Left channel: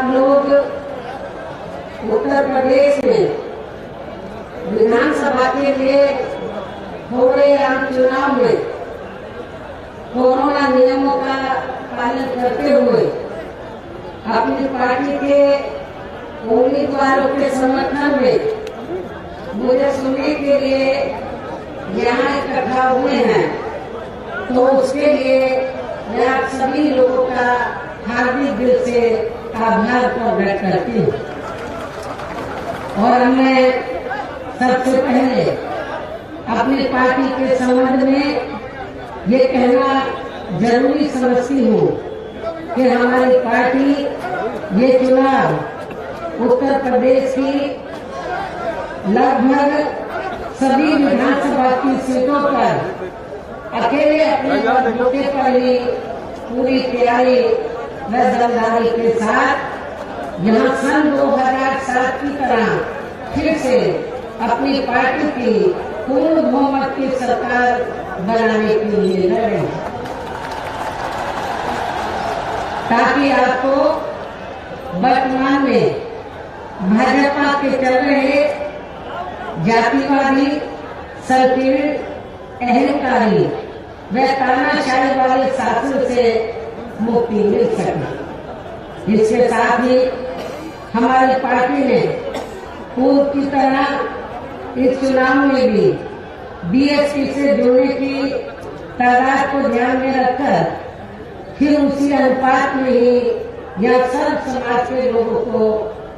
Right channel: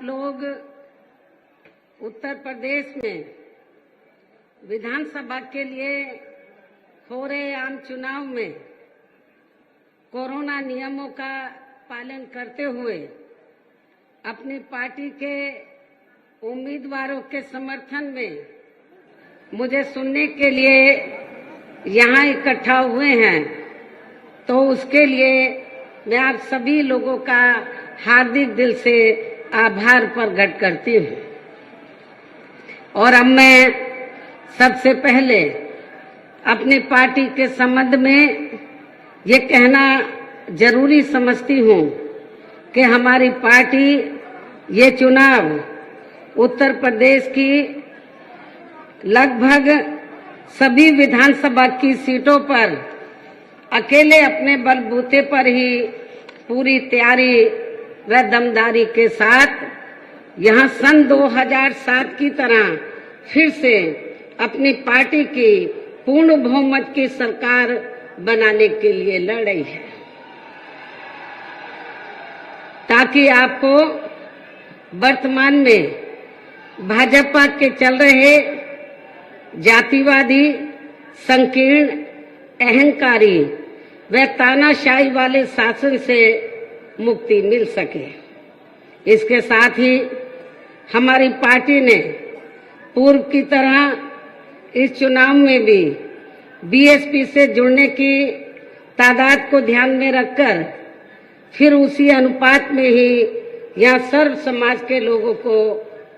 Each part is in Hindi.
आप लोग उत्तर प्रदेश में विधानसभा के लिए हो रहे आम चुनाव में कोरोना नियमों का पालन करते हुए अपनी पार्टी के उम्मीदवारों के समर्थन में मुझे सुनने के लिए यहाँ इकट्ठा हुए हैं, तो उसके लिए मैं आप सभी लोगों का हार्दिक दिल से आभार प्रकट करती हूँ। और अब मैं सबसे पहले अपनी पार्टी के संबंध में ये कहना जरूरी समझती हूँ कि हमारी पार्टी ये चुनाव उत्तर प्रदेश की लगभग सभी विधानसभा की सीटों पर अकेले अपने बलबूते पर ही पूरी तैयारी व दमदारी के साथ यहाँ सन 2007 की तरह फिर से अपनी पार्टी की पूर्ण बहुमत की सरकार बनाने के लिए लड़ रही है, ताकि आपको वर्तमान में भाजपा के चल रहे जातिवादी, संकीर्ण, अहंकारी व तानाशाही वाले शासन से मुक्ति मिल सके। इसके साथ ही हमारी पार्टी ने पूर्व की तरह इस चुनाव में भी बीएसपी से जुड़ने की तादाद को ध्यान में रखकर फिर उसी अनुपात में ही यहाँ सर्व समाज के लोगों को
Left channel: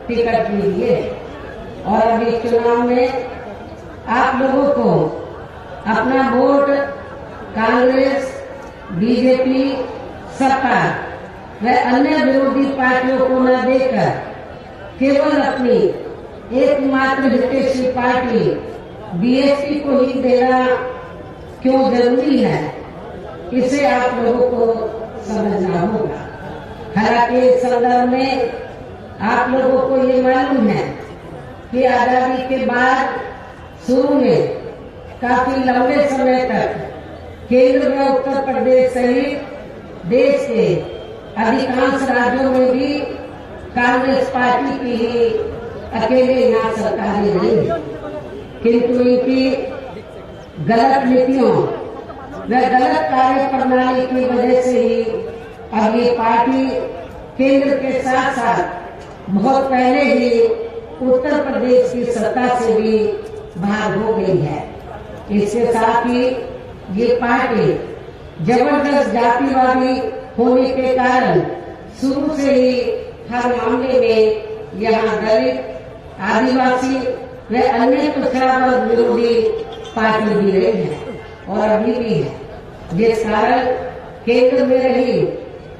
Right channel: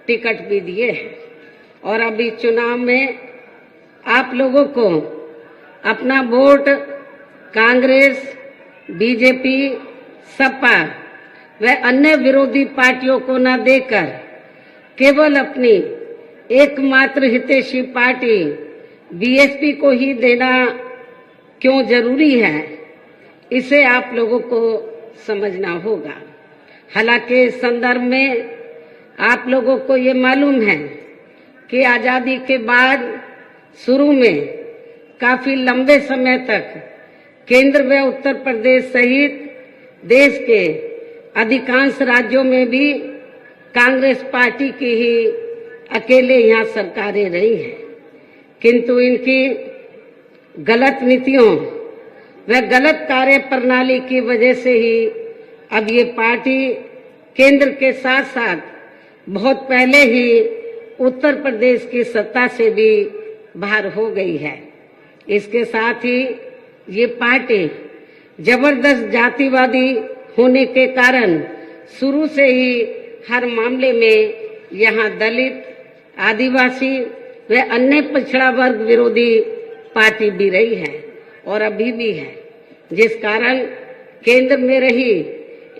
टिकट भी दिए हैं। और अब इस चुनाव में आप लोगों को अपना वोट कांग्रेस, बीजेपी, सपा व अन्य विरोधी पार्टियों को न देकर केवल अपनी एकमात्र हितैषी पार्टी बीएसपी को ही देना क्यों जरूरी है, इसे आप लोगों को समझना होगा। हालांकि इस संदर्भ में आप लोगों को ये मालूम है कि आजादी के बाद शुरू में काफी लंबे समय तक केंद्र व उत्तर प्रदेश सहित देश के अधिकांश राज्यों में भी कांग्रेस पार्टी की ही अकेले यहाँ सरकारें रही हैं, किंतु इनकी गलत नीतियों व गलत कार्य प्रणाली की वजह से ही अब ये पार्टी केंद्र के साथ साथ बहुत पहले ही उत्तर प्रदेश की सत्ता से भी बाहर हो गई है। इसके साथ ही ये पार्टी जबरदस्त जातिवादी होने के कारण शुरू से ही हर मामले में यहाँ दलित, आदिवासी व अन्य पिछड़ा वर्ग विरोधी पार्टी भी रही है और अभी भी है, जिस कारण केंद्र में रही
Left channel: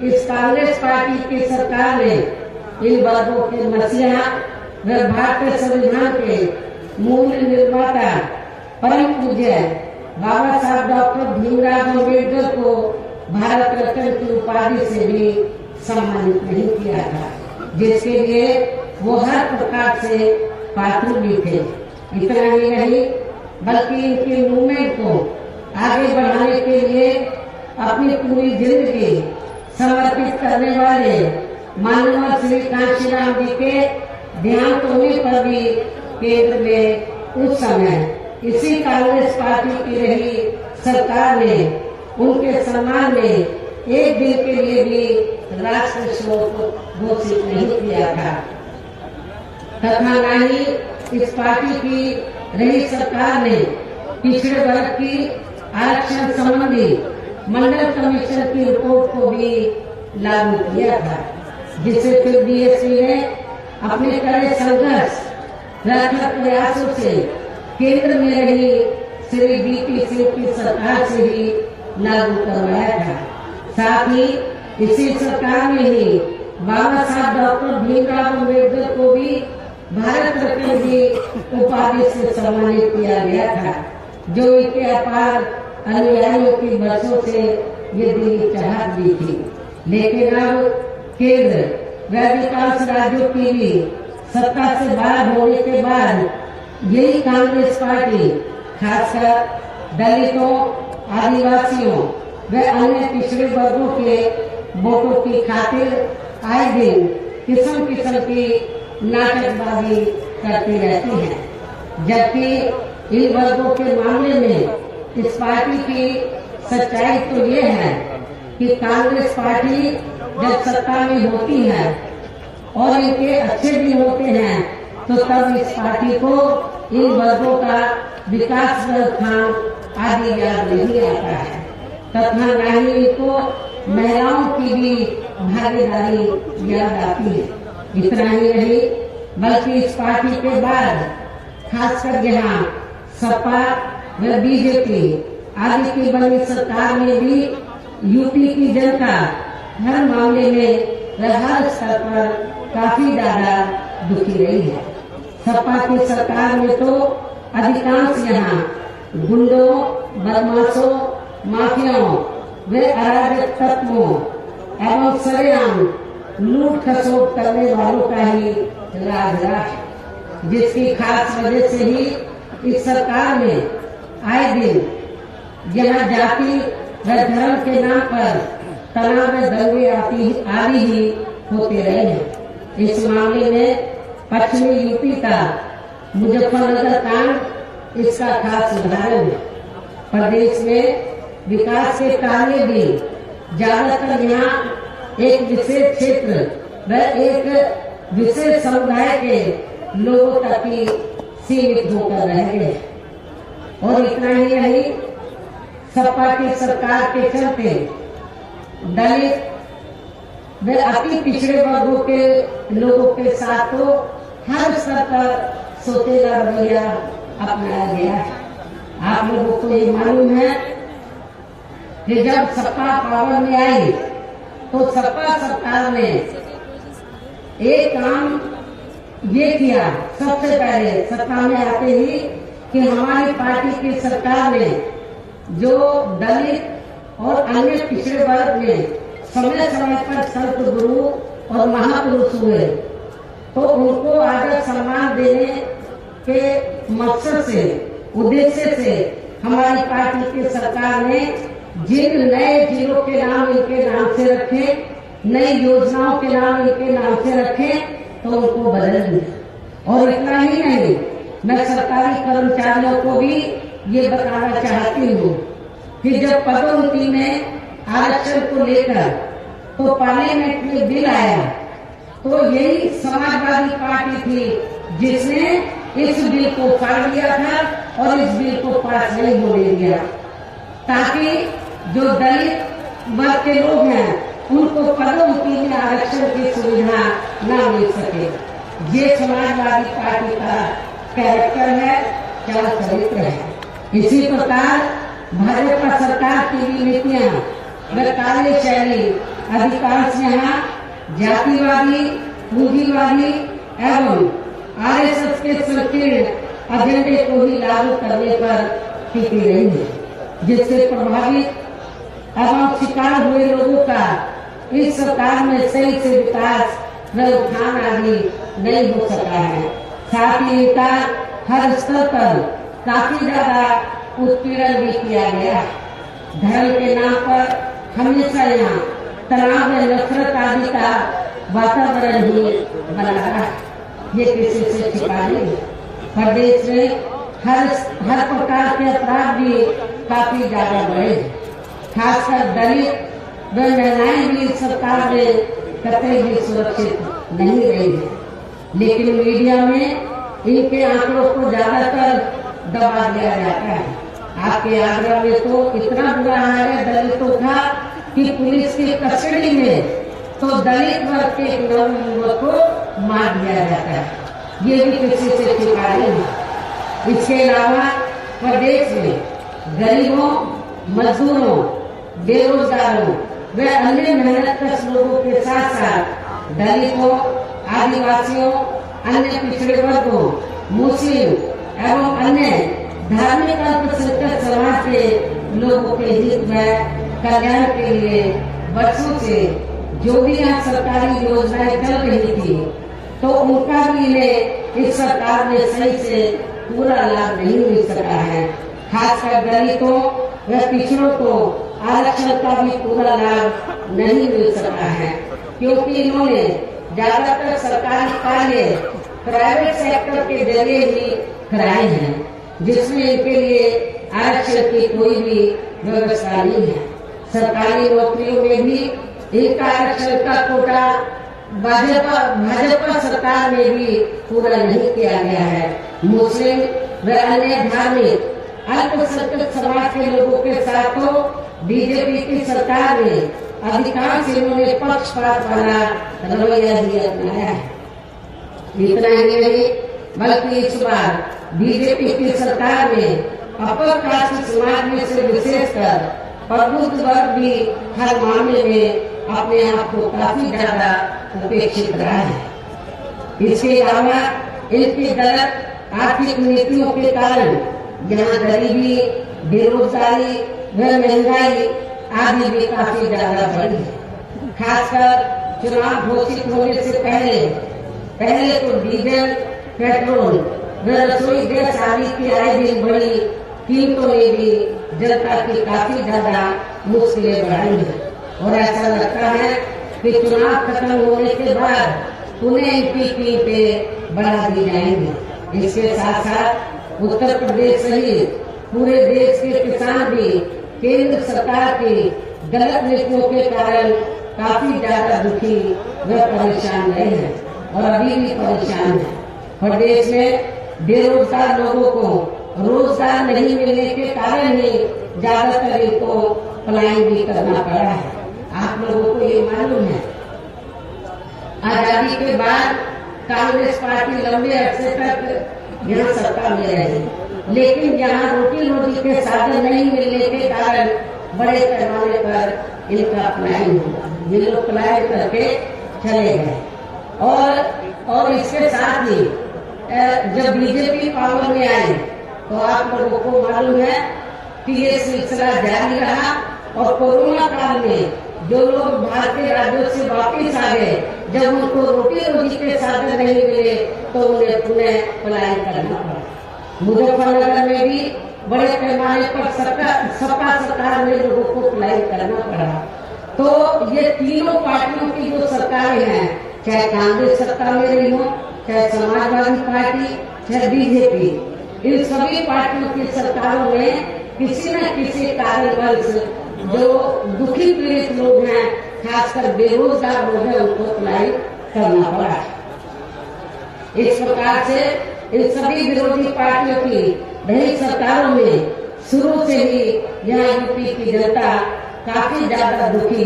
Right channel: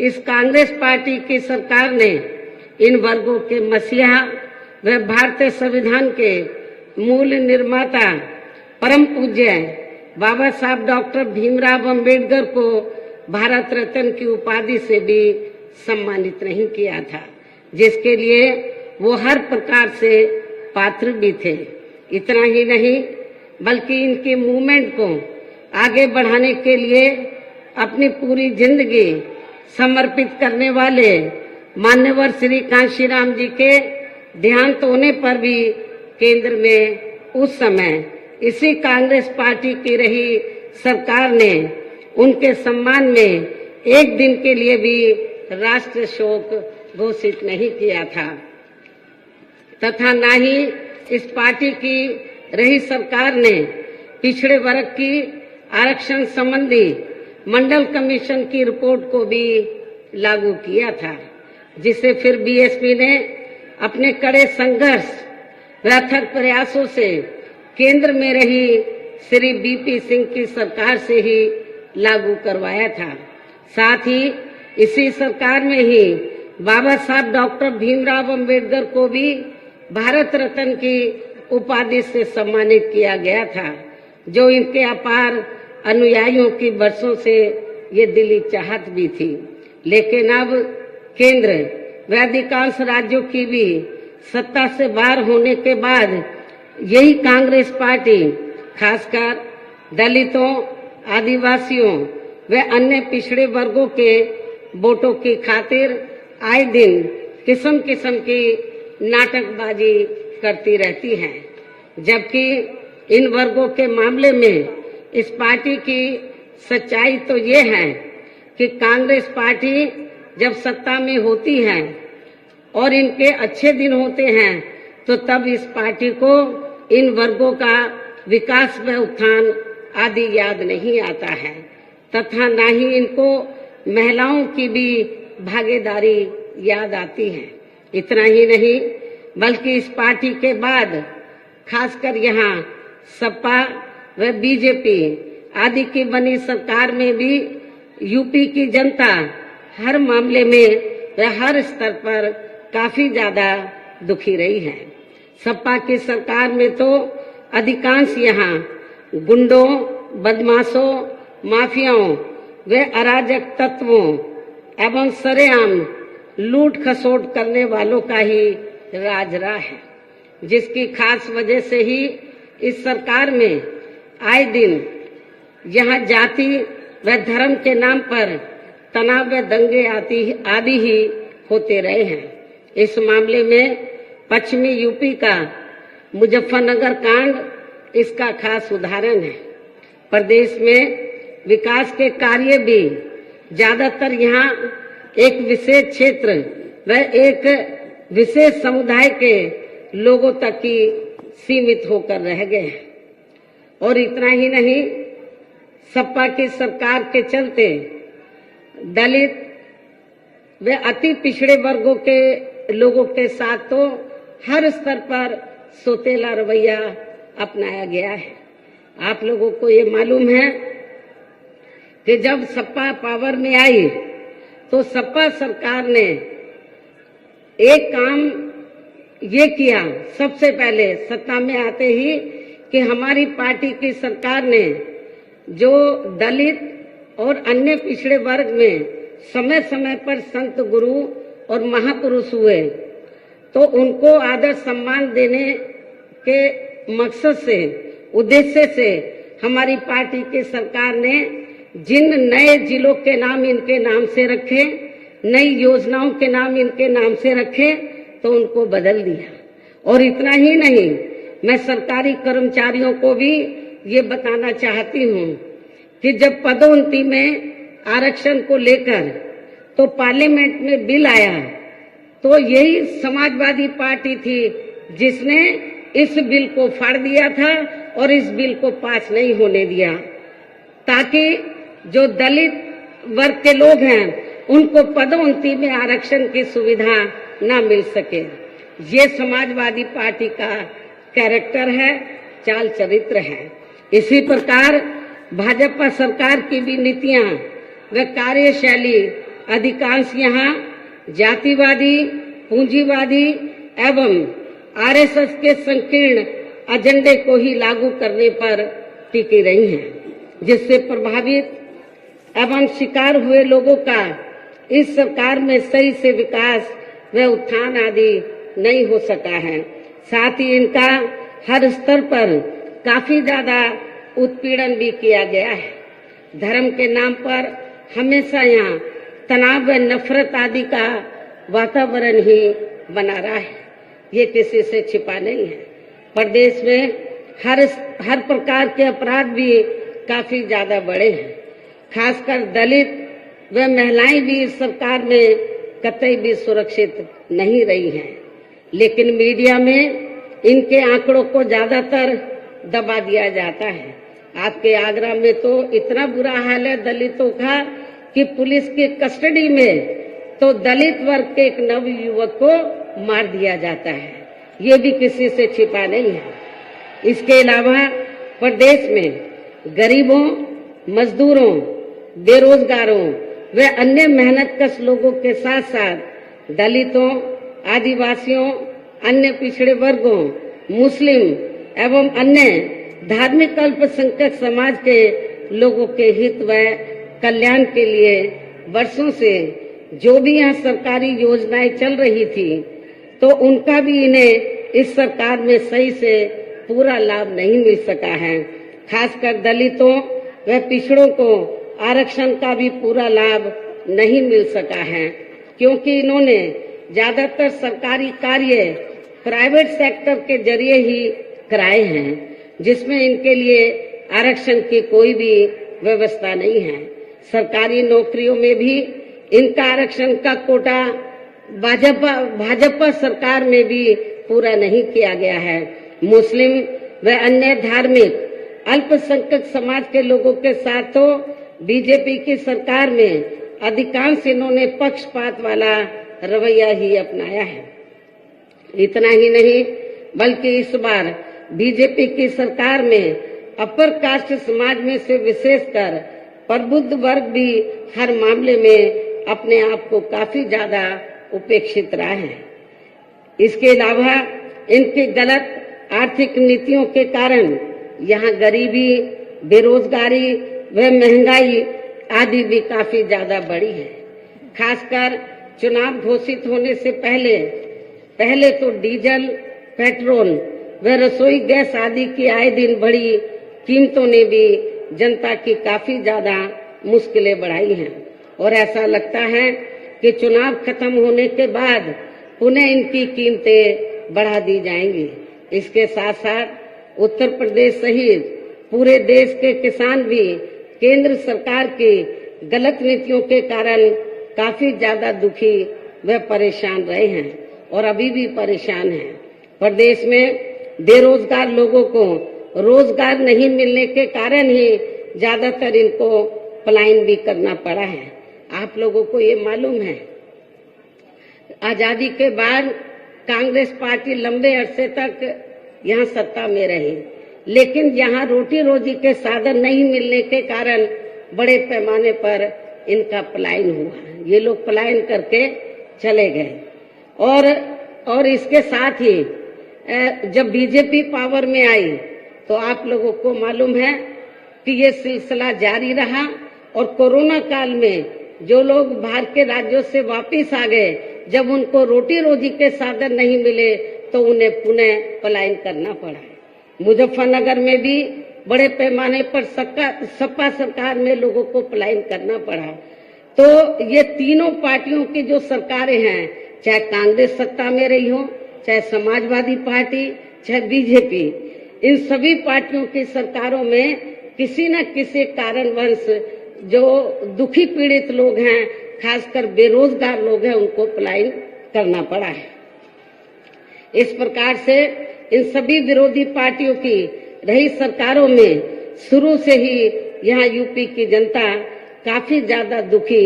इस कांग्रेस पार्टी की सरकार ने इन वर्गों के मसीहा व भारतीय संविधान के मूल निर्माता परम पूज्य बाबा साहब डॉक्टर भीमराव अंबेडकर को भारत रत्न की उपाधि से भी सम्मानित नहीं किया था, जिसके लिए वो हर प्रकार से पात्र भी थे। इतना ही नहीं बल्कि इनकी मूवमेंट को आगे बढ़ाने के लिए अपनी पूरी जिंदगी समर्पित करने वाले मान्यवर श्री कांशीराम जी के देहांत होने पर भी केंद्र में उस समय इसी कांग्रेस पार्टी की रही सरकार ने उनके सम्मान में एक दिन के लिए भी राष्ट्रीय शोक घोषित नहीं किया था, तथा न ही इस पार्टी की रही सरकार ने पिछड़े वर्ग की आरक्षण संबंधी मंडल कमीशन की रिपोर्ट को भी लागू किया था, जिसे फिर बीएसपी ने अपने कड़े संघर्ष व अथक प्रयासों से केंद्र में रही श्री बीपी सिंह की सरकार से ही लागू करवाया था। साथ ही इसी सरकार में ही बाबा साहब डॉक्टर भीमराव अंबेडकर को भी भारत रत्न की उपाधि से सम्मानित किया गया था, जो इनके अपार अनुयायियों की वर्षों से ये दिली चाहत भी थी। लेकिन अब केंद्र व अधिकांश राज्यों की भी सत्ता से बाहर होने के बाद यही कांग्रेस पार्टी खासकर दलितों, आदिवासियों व अन्य पिछड़े वर्गों के वोटों की खातिर आए दिन किस्म किस्म की नाटकबाजी करती रहती है, जबकि इन वर्गों के मामले में इस पार्टी की सच्चाई तो ये है कि कांग्रेस पार्टी जब सत्ता में होती है और इनके अच्छे दिन होते हैं तो तब इस पार्टी को इन वर्गों का विकास व उत्थान आदि याद नहीं आता है तथा न ही इनको महिलाओं की भी भागीदारी याद आती है। इतना ही नहीं बल्कि इस पार्टी के बाद खासकर यहाँ सपा व बीजेपी आदि की बनी सरकार में भी यूपी की जनता हर मामले में व हर स्तर पर काफी ज्यादा दुखी रही है। सपा की सरकार में तो अधिकांश यहाँ गुंडों, बदमाशों, माफियाओं व अराजक तत्वों एवं सरेआम लूट खसोट करने वालों का ही राज रहा है, जिसकी खास वजह से ही इस सरकार में आए दिन यहाँ जाति व धर्म के नाम पर तनाव व दंगे आदि ही होते रहे हैं। इस मामले में पश्चिमी यूपी का मुजफ्फरनगर कांड इसका खास उदाहरण है। प्रदेश में विकास के कार्य भी ज्यादातर यहाँ एक विशेष क्षेत्र व एक विशेष समुदाय के लोगों तक ही सीमित होकर रह गए हैं। और इतना ही नहीं, सपा की सरकार के चलते दलित व अति पिछड़े वर्गों के लोगों के साथ तो हर स्तर पर सोतेला रवैया अपनाया गया है। आप लोगों को ये मालूम है कि जब सपा पावर में आई तो सपा सरकार ने एक काम ये किया सबसे पहले सत्ता में आते ही कि हमारी पार्टी की सरकार ने जो दलित और अन्य पिछड़े वर्ग में समय समय पर संत गुरु और महापुरुष हुए तो उनको आदर सम्मान देने के मकसद से उद्देश्य से हमारी पार्टी की सरकार ने जिन नए जिलों के नाम इनके नाम से रखे, नई योजनाओं के नाम इनके नाम से रखे तो उनको बदल दिया। और इतना ही नहीं, मैं सरकारी कर्मचारियों को भी ये बताना चाहती हूँ कि जब पदोन्नति में आरक्षण को लेकर तो पार्लियामेंट में बिल आया तो यही समाजवादी पार्टी थी जिसने इस बिल को फाड़ दिया था और इस बिल को पास नहीं होने दिया ताकि जो दलित वर्ग के लोग हैं उनको पदोन्नति में आरक्षण की सुविधा न मिल सके। ये समाजवादी पार्टी का कैरेक्टर है, चाल चरित्र है। इसी प्रकार भाजपा सरकार की भी नीतियां व कार्यशैली अधिकांश यहाँ जातिवादी, पूंजीवादी एवं आरएसएस के संकीर्ण एजेंडे को ही लागू करने पर टिकी रही है, जिससे प्रभावित एवं शिकार हुए लोगों का इस सरकार में सही से विकास व उत्थान आदि नहीं हो सका है। साथ ही इनका हर स्तर पर काफी ज्यादा उत्पीड़न भी किया गया है। धर्म के नाम पर हमेशा यहाँ तनाव व नफरत आदि का वातावरण ही बना रहा है, ये किसी से छिपा नहीं है। प्रदेश में हर प्रकार के अपराध भी काफी ज्यादा बढ़े हैं। खासकर दलित व महिलाएं भी इस सरकार में कतई भी सुरक्षित नहीं रही है, लेकिन मीडिया में इनके आंकड़ों को ज्यादातर दबा दिया जाता है। आपके आगरा में तो इतना बुरा हाल है दलितों का कि पुलिस की कस्टडी में तो दलित वर्ग के एक नवयुवक को मार दिया जाता है, ये भी किसी से छिपा नहीं है। इसके अलावा प्रदेश में गरीबों, मजदूरों, बेरोजगारों व अन्य मेहनतकश लोगों के साथ साथ दलितों, आदिवासियों, अन्य पिछड़े वर्गों, मुस्लिम एवं अन्य धार्मिक अल्पसंख्यक समाज के लोगों के हित व कल्याण के लिए वर्षों से जो भी यहाँ सरकारी योजनाएं चल रही थी तो उनका भी इन्हें इस सरकार में सही से पूरा लाभ नहीं मिल सका है। खासकर दलितों व पिछड़ों को आरक्षण का भी पूरा लाभ नहीं मिल सका है, क्योंकि इन्होंने ज्यादातर सरकारी कार्य प्राइवेट सेक्टर के जरिए ही कराए हैं, जिसमें इनके लिए आरक्षण की कोई भी व्यवस्था नहीं है। सरकारी नौकरियों में भी इनका आरक्षण का कोटा भाजपा सरकार में भी पूरा नहीं किया गया है। मुस्लिम व अन्य धार्मिक अल्पसंख्यक समाज के लोगों के साथ तो बीजेपी की सरकार में अधिकांश इन्होंने पक्षपात वाला रवैया ही अपनाया है। इतना ही नहीं बल्कि इस बार बीजेपी की सरकार में अपर कास्ट समाज में से विशेषकर प्रबुद्ध वर्ग भी हर मामले में अपने आप को काफी ज्यादा उपेक्षित रहा है। इसके अलावा इनकी गलत आर्थिक नीतियों के कारण यहाँ गरीबी, बेरोजगारी व महंगाई आदि भी काफी ज्यादा बढ़ी है। खासकर चुनाव घोषित होने से पहले तो डीजल, पेट्रोल व रसोई गैस आदि की आए दिन बढ़ी कीमतों ने भी जनता की काफी ज्यादा मुश्किलें बढ़ाई हैं और ऐसा लगता है कि चुनाव खत्म होने के बाद उन्हें इनकी कीमतें बढ़ा दी जाएंगी। इसके साथ साथ उत्तर प्रदेश सहित पूरे देश के किसान भी केंद्र सरकार की गलत नीतियों के कारण काफी ज्यादा दुखी व परेशान रहे हैं और अभी भी परेशान हैं। प्रदेश में बेरोजगार लोगों को रोजगार नहीं मिलने के कारण ही ज्यादातर इनको पलायन भी करना पड़ा है। आप लोगों को ये मालूम है, आजादी के बाद कांग्रेस पार्टी लंबे अरसे तक यहाँ सत्ता में रही, लेकिन यहाँ रोटी रोजी के साधन नहीं मिलने के कारण बड़े पैमाने पर इनका पलायन हुआ। ये लोग पलायन करके चले गए और इसके साथ ही जब बीजेपी पावर में आई तो आप लोगों को मालूम है कि ये सिलसिला जारी रहा और कोरोना काल में जो लोग बाहर के राज्यों से वापस आ गए, जब उनको रोटी रोजी के साधन नहीं मिले तो उन्हें पुनः पलायन करना पड़ा। मुजफ्फरनगर में भी बड़े पैमाने पर सपा सरकार में लोगों को पलायन करना पड़ा। तो ये तीनों पार्टियों की जो सरकारें हैं, चाहे कांग्रेस सत्ता में रही हो, चाहे समाजवादी पार्टी, चाहे बीजेपी, इन सभी पार्टियों की सरकारों में किसी न किसी कारणवश जो दुखी पीड़ित लोग हैं, खासकर बेरोजगार लोग हैं, उनको पलायन करना पड़ा है। इस प्रकार से इन सभी विरोधी पार्टियों की रही सरकारों में शुरू से ही यहाँ यूपी की जनता काफी ज्यादा दुखी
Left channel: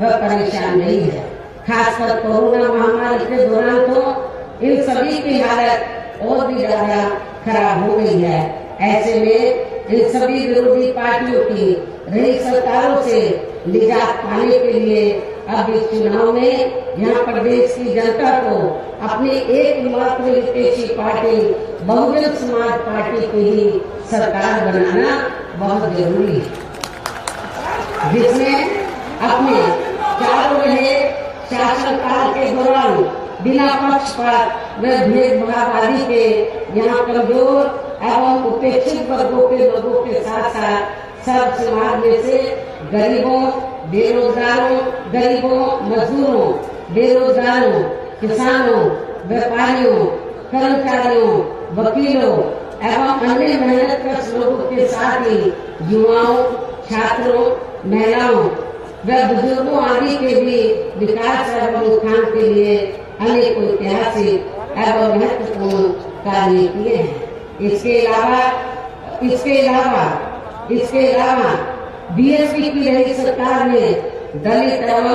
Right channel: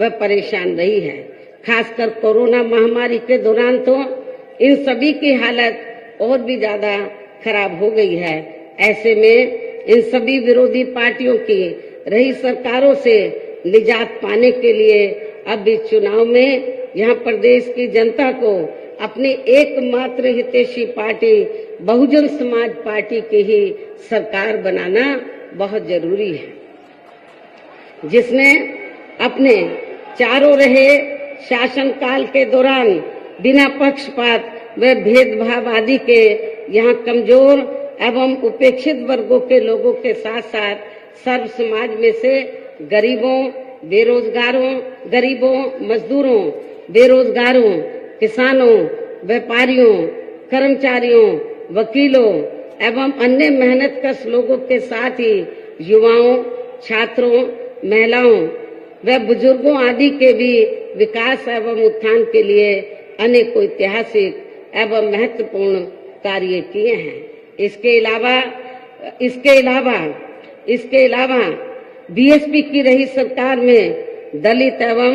व परेशान रही है। खासकर कोरोना महामारी के दौरान तो इन सभी की हालत और भी ज्यादा खराब हो गई है। ऐसे में इन सभी विरोधी पार्टियों की रही सरकारों से निजात पाने के लिए अब इस चुनाव में यहाँ प्रदेश की जनता को अपनी एकमात्र हितैषी पार्टी बहुजन समाज पार्टी की ही सरकार बनाना बहुत जरूरी है, जिसने अपने चारों रहे शासनकाल के दौरान बिना पक्षपात व भेदभाव आदि के यहाँ कमजोर एवं उपेक्षित वर्गों के लोगों के साथ साथ सर्व समाज में से गरीबों, मजदूरों, बेरोजगारों, किसानों, व्यापारियों, कर्मचारियों, वकीलों एवं अन्य मेहनतकश लोगों के साथ ही युवाओं, छात्रों, महिलाओं व बुजुर्गों आदि के भी विकास एवं उत्थान के लिए अनेक ऐतिहासिक एवं महत्वपूर्ण कार्य किए हैं। इसके अलावा बीएसपी की रही सरकार में दलित एवं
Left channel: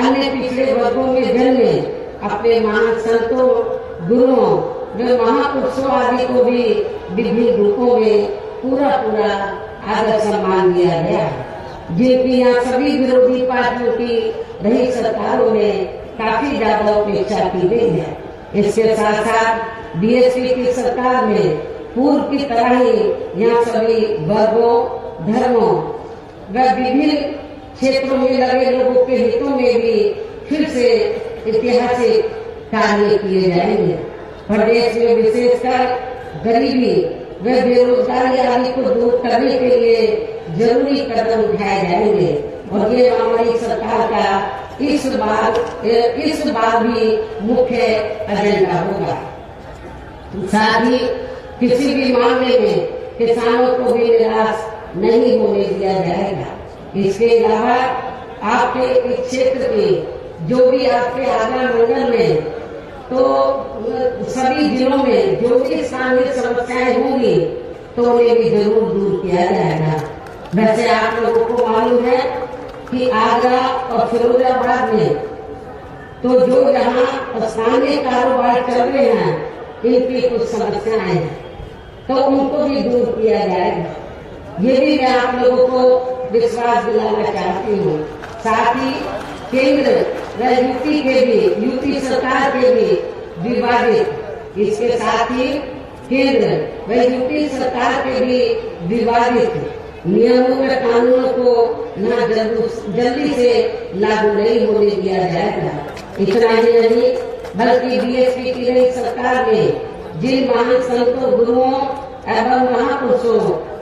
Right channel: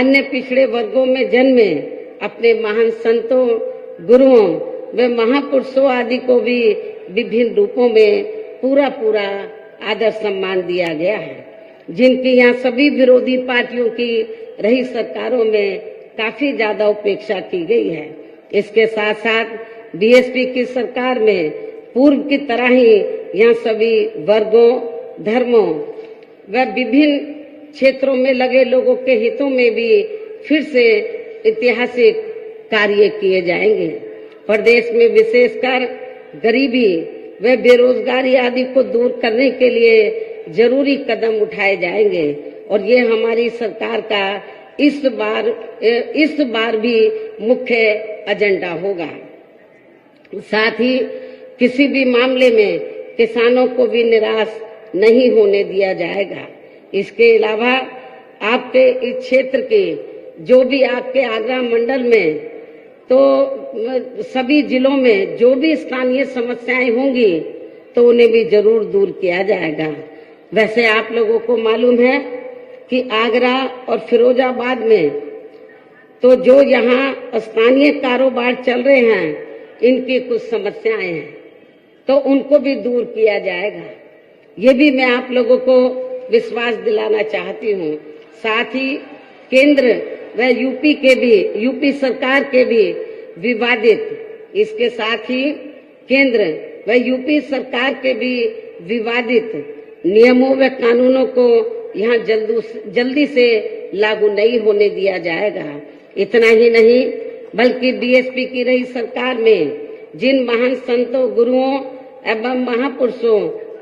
अन्य पिछड़े वर्गों में जन्मे अपने महान संतों, गुरुओं व महापुरुषों आदि को भी विभिन्न रूपों में पूरा आदर सम्मान दिया गया है, जिनकी यहाँ सभी विरोधी पार्टियों की रही सरकारों में काफी ज्यादा उपेक्षा की गई है। इसके साथ साथ बीएसपी की सरकार में पूर्व की तरह ही यहाँ सभी वर्गों, धर्मों व विभिन्न क्षेत्रों में लगे लोगों के हितों में भी फिर से ऐतिहासिक कार्य किए जाएंगे। प्रदेश में विशेषकर गरीबी व बेरोजगारी आदि को दूर करने के लिए जरूरी कदम उठाए जाएंगे और ये हमारी सरकार का इस बार भी मुख्य एजेंडा होगा। साथ ही किसी भी मामले में किसानों को भी निराश नहीं होने दिया जाएगा। इसके अलावा आपके इस क्षेत्र के जो भी आपके आगरा मंडल में तो सभी जिलों में जो भी स्थानीय समस्याएं होंगी तो उन्हें भी जरूर दूर किया जाएगा। वैसे आप लोगों को मालूम है कि आगरा और फिरोजाबाद में तो जो यहाँ स्थानीय कारोबार चल रहे हैं इनकी कुछ समस्याएं हैं तो उनको भी दूर किया जाएगा। ये भी मैं आप लोगों को विश्वास दिलाना चाहती हूँ। साथ ही केंद्र व यूपी सरकार के भी विवादित, इसके साथ ही केंद्र व यूपी सरकार के भी विवादित नियमों व कानूनों को यहाँ जल्दी से लागू नहीं होने दिया जाएगा। इतना ही नहीं बल्कि बीएसपी की रही सरकार में जिन महान संतों, गुरुओं एवं महापुरुषों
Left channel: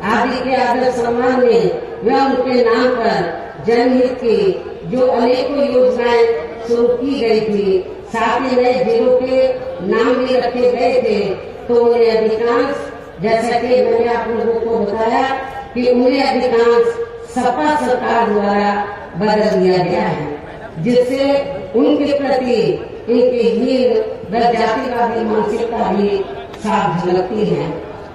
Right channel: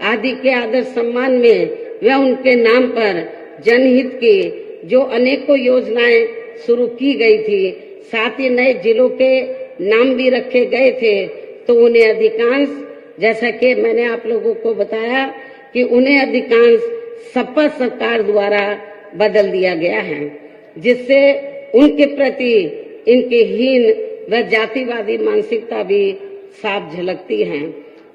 आदि के आदर सम्मान में व उनके नाम पर जनहित की जो अनेकों योजनाएं शुरू की गई थी, साथ ही नए जिलों के नाम भी रखे गए थे, तो उन्हें अधिकांश, जैसा कि मैंने आप लोगों को बताया कि उन्हें अधिकांश सपा सरकार द्वारा बदल दिया गया है, जिससे उनके प्रति इनकी हीन व जातिवादी मानसिकता भी साफ झलकती है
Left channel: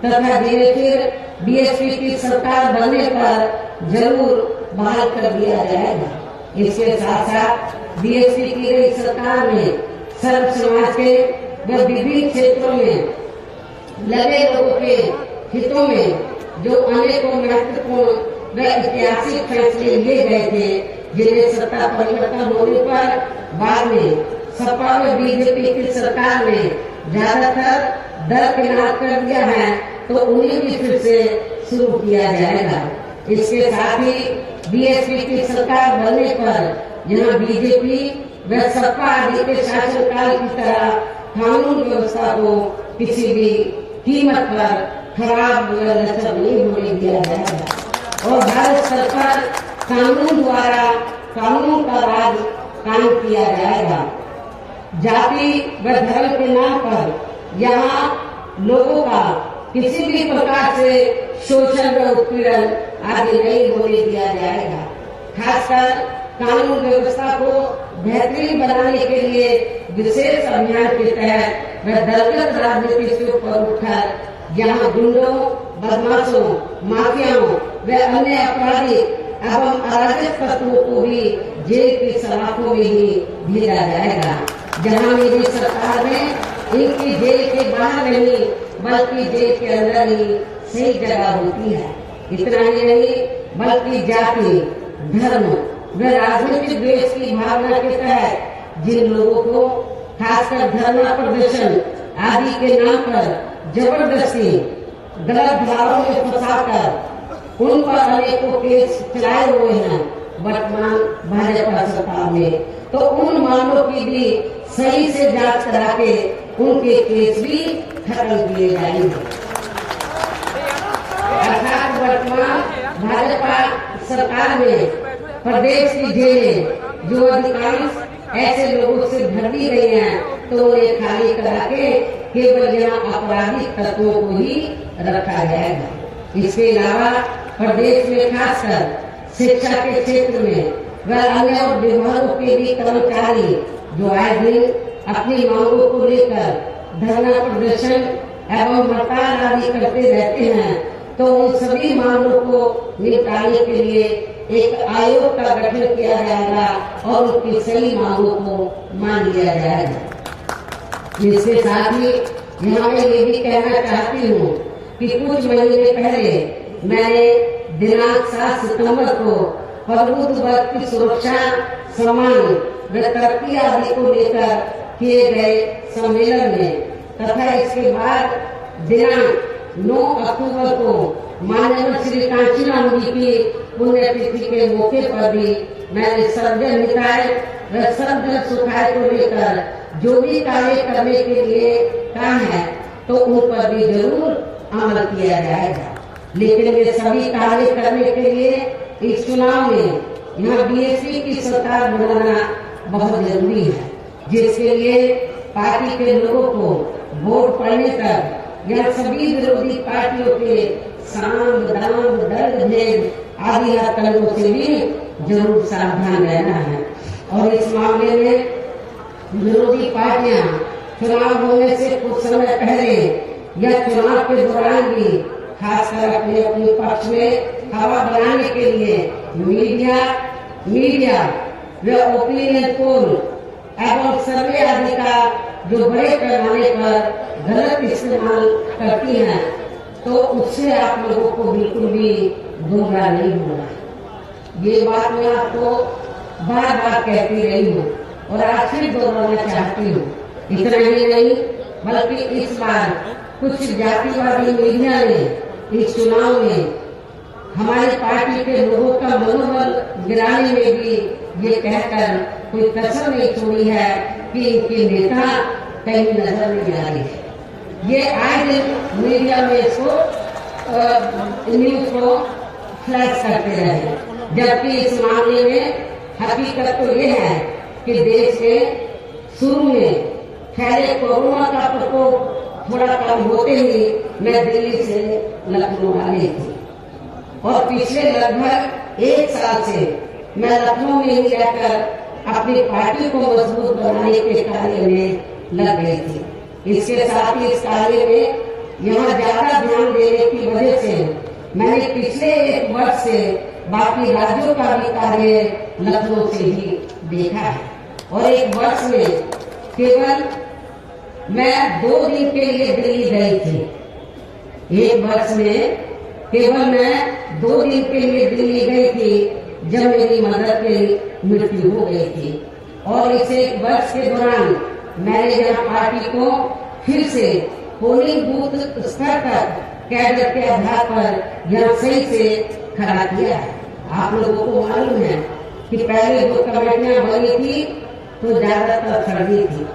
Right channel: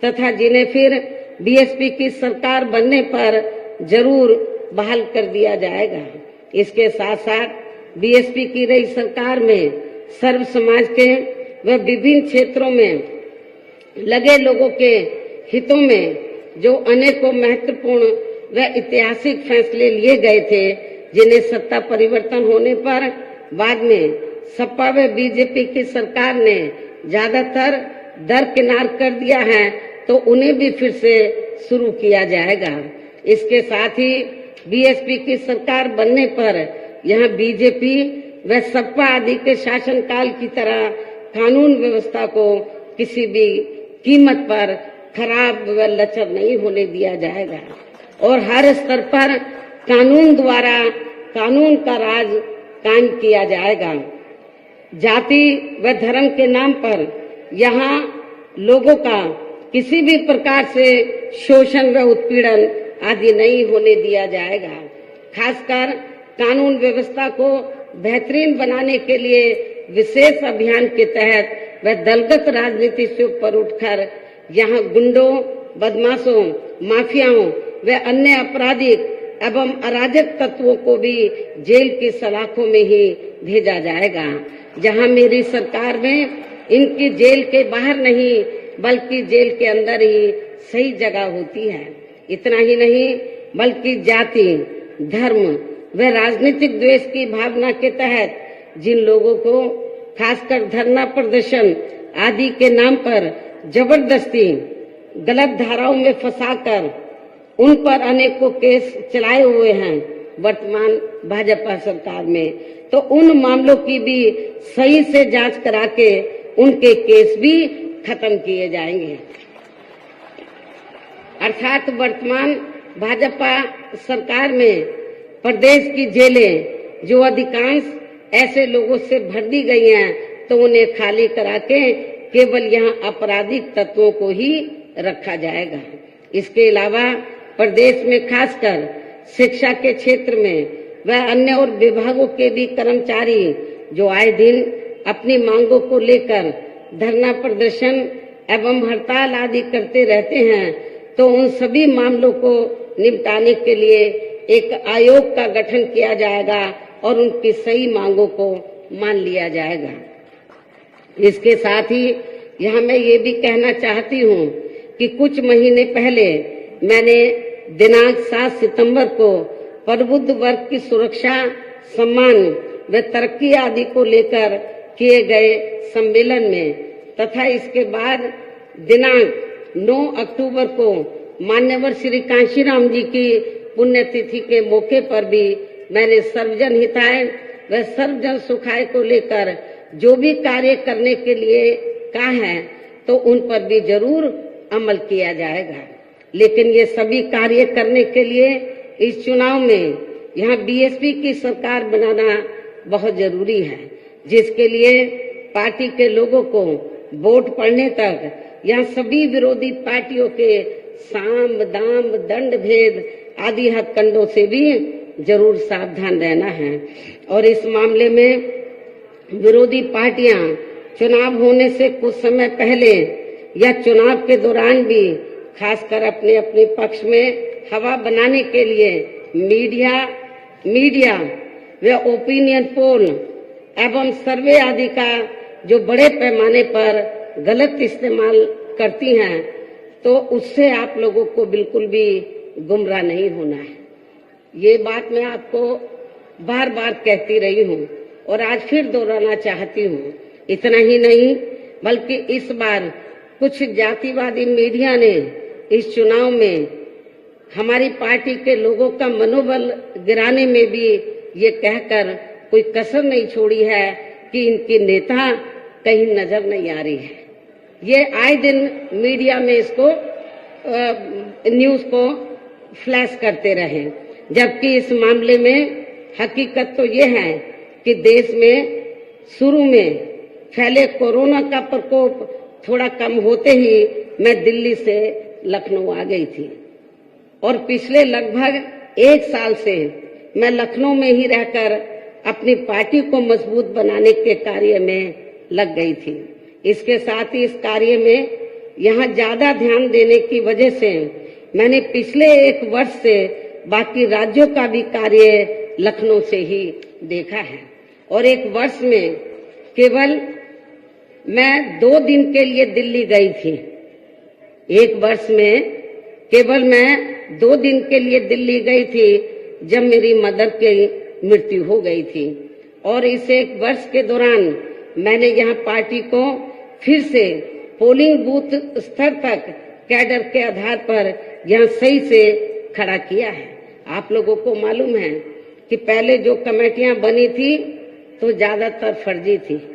तथा जिन्हें फिर बीएसपी की सरकार बनने पर जरूर बहाल कर दिया जाएगा। इसके साथ साथ बीएसपी की रही सरकार में सर्व समाज के व विभिन्न क्षेत्रों में लगे लोगों के हितों में जो अनेकों महत्वपूर्ण व ऐतिहासिक फैसले लिए गए थे, जिन्हें सत्ता परिवर्तन होने पर बाद में सपा व बीजेपी की सरकार ने ज्यादातर दरकिनार कर दिया है, तो उन्हें भी फिर से शुरू किया जाएगा। इसके साथ ही बीएसपी की सरकार बनने पर यहाँ बीजेपी व सपा आदि के शासनकाल की तरह कानून व्यवस्था को किसी भी कीमत पर खराब व लचर नहीं होने दिया जाएगा और हर स्तर पर कानून द्वारा कानून का राज कायम किया जाएगा। जाति व धर्म के नाम पर यहाँ लोगों का किसी भी प्रकार से शोषण व उत्पीड़न आदि नहीं होने दिया जाएगा। खासकर कानून व्यवस्था को बेहतरीन बनाने के लिए विशेष अभियान के तहत व दलगत राजनीति से ऊपर उठकर यहाँ गुंडों, बदमाशों, माफियाओं व अन्य आपराधिक एवं अराजक तत्वों को भी जेल की सलाखों में ही भेजा जाएगा। जहां मेरी सरकार में इनकी जेल के बाहर नहीं बल्कि जेल के अंदर ही सही जगह होती है। इतना ही नहीं बल्कि जाति, धर्म व राजनीतिक द्वेष की भावना के तहत जिन लोगों को खासकर धरना प्रदर्शन आदि के नाम पर जबरदस्ती गलत धाराओं में फंसाकर उन पर अनेकों केस चलाए हुए हैं वर्तमान भाजपा सरकार में, तो उन मामलों की भी सही से जांच करा के उनके केस भी खत्म किए जाएंगे। अर्थात वर्तमान भाजपा सरकार में प्रदेश की जेलें जो अधिकांश ऐसे लोगों से भर दी गई हैं, तो उन्हें खाली करा के केवल यहाँ आपराधिक तत्वों को ही रखा जाएगा। इसके अलावा प्रदेश में खासकर शिक्षा के क्षेत्र में व अन्य और विभागों के भी कर्मचारी जो आए दिन अपनी मांगों को लेकर धरना प्रदर्शन एवं हड़ताल आदि करते रहते हैं, तो उन सभी मामलों को निपटाने के लिए एक आयोग का गठन किया जाएगा और उनकी सही मांगों को मान लिया जाएगा। इसके साथ ही यहाँ मैं ये भी कहना चाहती हूँ कि कुछ महीने पहले मैंने दिनांक 7 सितंबर को प्रबुद्ध वर्ग की सुरक्षा, सम्मान व तरक्की आदि को लेकर किए गए सम्मेलन में तथा इसके बाद दिनांक 9 अक्टूबर को मान्यवर श्री कांशीराम जी की पुण्यतिथि के मौके पर भी मैंने सर्वजन हिताय व सर्वजन सुखाय को लेकर जो भी कार्य करने के लिए कहा है, तो उन पर भी जरूर अमल किया जाएगा। लेकिन ये सभी कार्य करने के लिए इस चुनाव में यहाँ बीएसपी की सरकार बनाना बहुत जरूरी है, जिसके लिए पार्टी के लोगों को वोट पड़ने तक या सभी विरोधी पार्टियों के साम दाम दंड भेद आदि हथकंडों से भी जरूर सावधान रहना है। और इस मामले में विरोधी पार्टियां चुनाव होने से कुछ समय पहले या चुनाव के दौरान भी खासकर अपने अपने पक्ष में हवा बनाने के लिए मीडिया व ओपिनियन पोल एवं सर्वे आदि का जो बड़े पैमाने पर गलत इस्तेमाल करती हैं, तो उससे आप लोगों को बिल्कुल भी गुमराह नहीं होना है। ये बात मैं आपको बार बार कहती रही हूँ और आज फिर दोहराना चाहती हूँ। इतना ही नहीं बल्कि इस बार कुछ जातिवादी मीडिया ने इस चुनाव में हमारी पार्टी के लोगों का मनोबल गिराने में भी ये कहकर कोई कसर नहीं छोड़ी है कि इनके नेता कहीं नजर नहीं आ रही है। ये आए दिन मीडिया में इसको न्यूज को फ्लैश करते रहे, जबकि इस मामले में हकीकत तो ये है कि देश में शुरू में फैले कोरोना का प्रकोप थोड़ा कम होते ही मैं दिल्ली से लखनऊ आ गई थी और पिछले लगभग 1 साल से मैं लखनऊ में ही रहकर अपनी पार्टी को मजबूत बनाने के कार्य में लग गई थी। इसके साथ ही इस कार्य में यहाँ ज्यादा ध्यान देने की वजह से मैंने पिछले 1 वर्ष से बाकी राज्यों का भी कार्य लखनऊ से ही देखा है और 1 वर्ष में केवल मैं 2 दिन के लिए दिल्ली गई थी। 1 वर्ष में केवल मैं 2 दिन के लिए दिल्ली गई थी जब मेरी मदर की मृत्यु हो गई थी और इस 1 वर्ष के दौरान मैंने यहाँ पार्टी को फिर से पोलिंग बूथ स्तर पर कैडर के आधार पर यहाँ सही से खड़ा किया है। आप लोगों को मालूम है कि पहले जो कमेटियां बनी थी तो ज्यादातर फर्जी थी।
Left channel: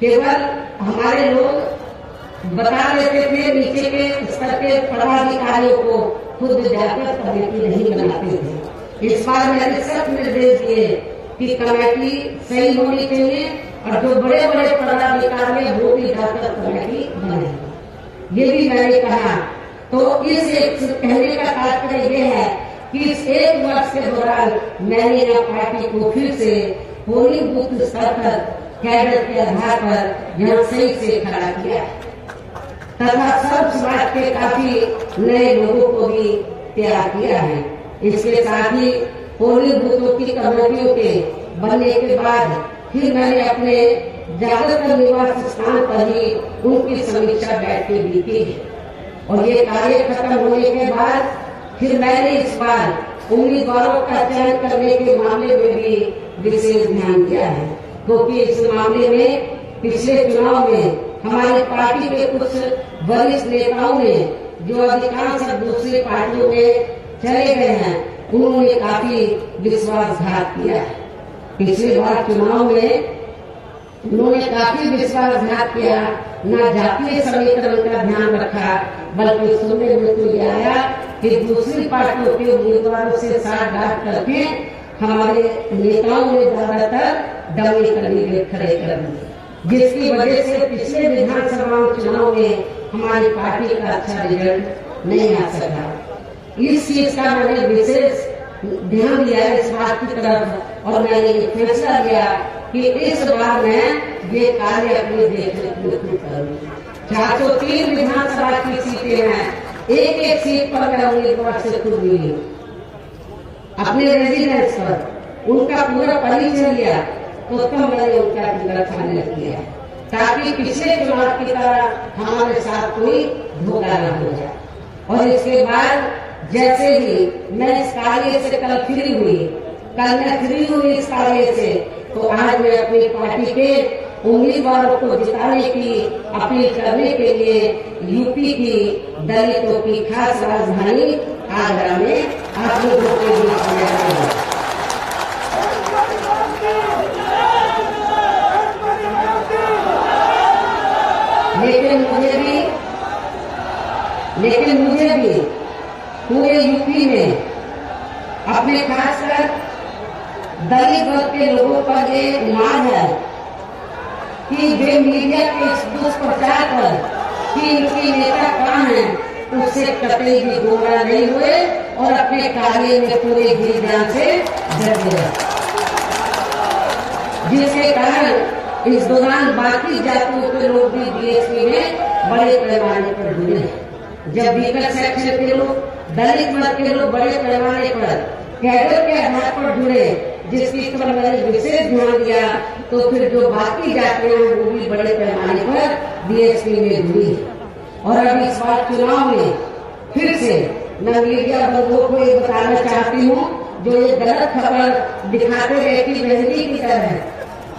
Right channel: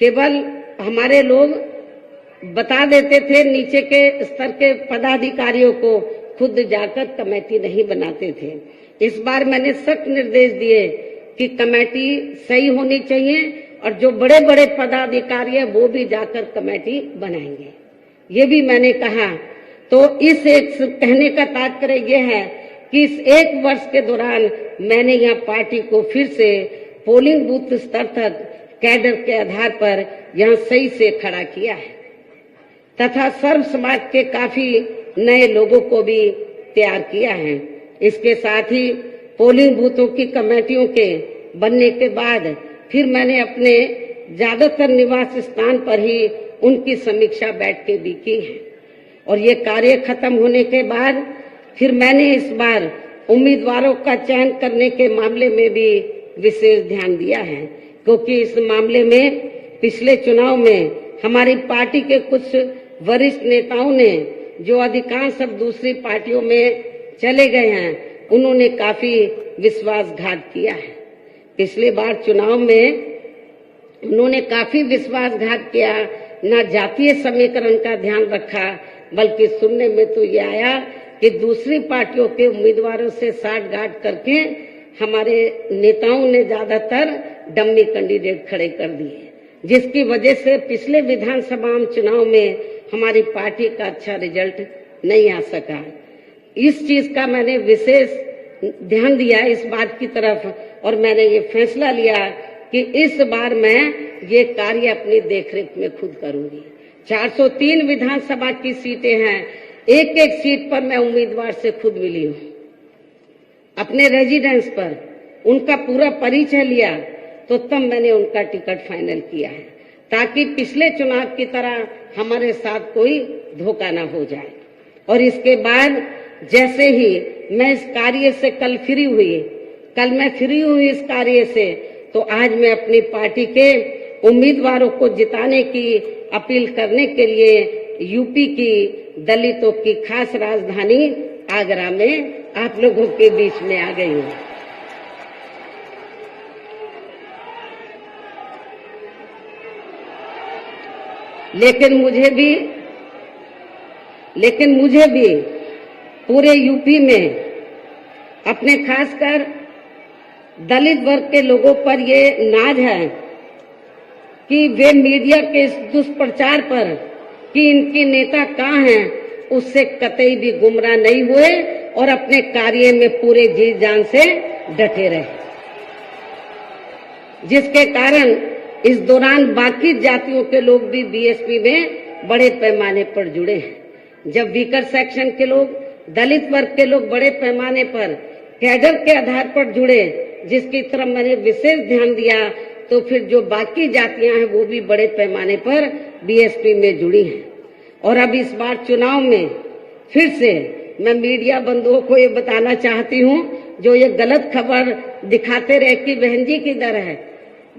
केवल हमारे लोग बता देते थे, नीचे के स्तर के पदाधिकारियों को खुद जाकर कमेटी नहीं बनाते थे। इस बार मैंने सख्त निर्देश दिए कि कमेटी सही होनी चाहिए और जो बड़े बड़े पदाधिकारी हैं वो भी जाकर कमेटी बनाएंगे, ये भी मैंने कहा। तो इस एक कहने का तात्पर्य ये है कि इस 1 वर्ष के दौरान मैंने यहाँ पार्टी को फिर से पोलिंग बूथ स्तर पर कैडर के आधार पर यहाँ सही से खड़ा किया है तथा सब समाज के काफी नए लोगों को भी तैयार किया है। इसके साथ ही पोलिंग बूथों की कमेटियों के बनने के बाद फिर मैंने अपने ज्यादातर निवास स्थान पर ही उनकी समीक्षा बैठकें भी की है और ये कार्य खत्म होने के बाद फिर मैंने इस बार उम्मीदवारों का चयन करने के मामले में भी विशेष ध्यान दिया है, क्योंकि इस मामले में पिछले चुनाव में हमारी पार्टी के कुछ वरिष्ठ नेताओं ने जो अधिकांश दूसरी पार्टियों में चले गए हैं, उन्होंने काफी विश्वासघात किया है। पिछले बार चुनाव में उन्होंने काफी विश्वासघात किया, न जातीय समीकरण का ध्यान रखा, बल्कि सुनने में तो ये आया कि दूसरी पार्टियों के उम्मीदवारों से साठगांठ करके हमारे नेताओं ने ज्यादातर डमी कैंडिडेट खड़े कर दिए, जिसकी वजह से पिछले विधानसभा चुनाव में हमारी पार्टी का अच्छा रिजल्ट नहीं आ सका। इस चीज का मैंने विशेष ध्यान दिया इस बात की तरफ और मैंने ये फैसला लिया कि इस बार मैं ये कार्य अपनी देखरेख में खुद करूंगी। 403 विधानसभा की सीटें हैं, एक सीट पर मैं उम्मीदवार से खुद मिली हूँ, अपने रेजिडेंस पर उनका पूरा परिचय लिया तो तब मैंने उनका टिकट फाइनल किया है, ताकि पिछले चुनाव की तरह हमारे साथ कोई धोखा न हो जाए। और इसके बाद जैसे ही मैं इस कार्य से कल मैं फ्री हुई इस कार्य से, तो आज मैं अपनी पार्टी के उम्मीदवारों को जिताने की अपील करने के लिए यूपी की दलितों की खास राजधानी आगरा में आप लोगों के बीच में आ गई हूँ। लेकिन मुझे भी पूरे यूपी में अपने खासकर दलित वर्ग के लोगों पर ये नाज है कि वे मीडिया के दुष्प्रचार पर कि इनके नेता कहाँ हैं उससे कतई भी गुमराह नहीं हुए और अपने कार्य में पूरे जी जान से डटे रहे, जिसके कारण इस दौरान बाकी जातियों के लोग भी बीएसपी में बड़े पैमाने पर जुड़े हैं। जब वीकर सेक्शन के लोग, दलित वर्ग के लोग बड़े पैमाने पर कैडर के आधार पर जुड़े, जिसकी तरफ मैंने विशेष ध्यान दिया, तो फिर जो बाकी जातियां हैं वो भी बड़े पैमाने पर बीएसपी में जुड़ी है। और अब इस बार चुनाव में फिर से मैं मीडिया बंधुओं को ये बताना चाहती हूँ, जो ये गलत खबर दिखाते रहे कि बहन जी की तरह है,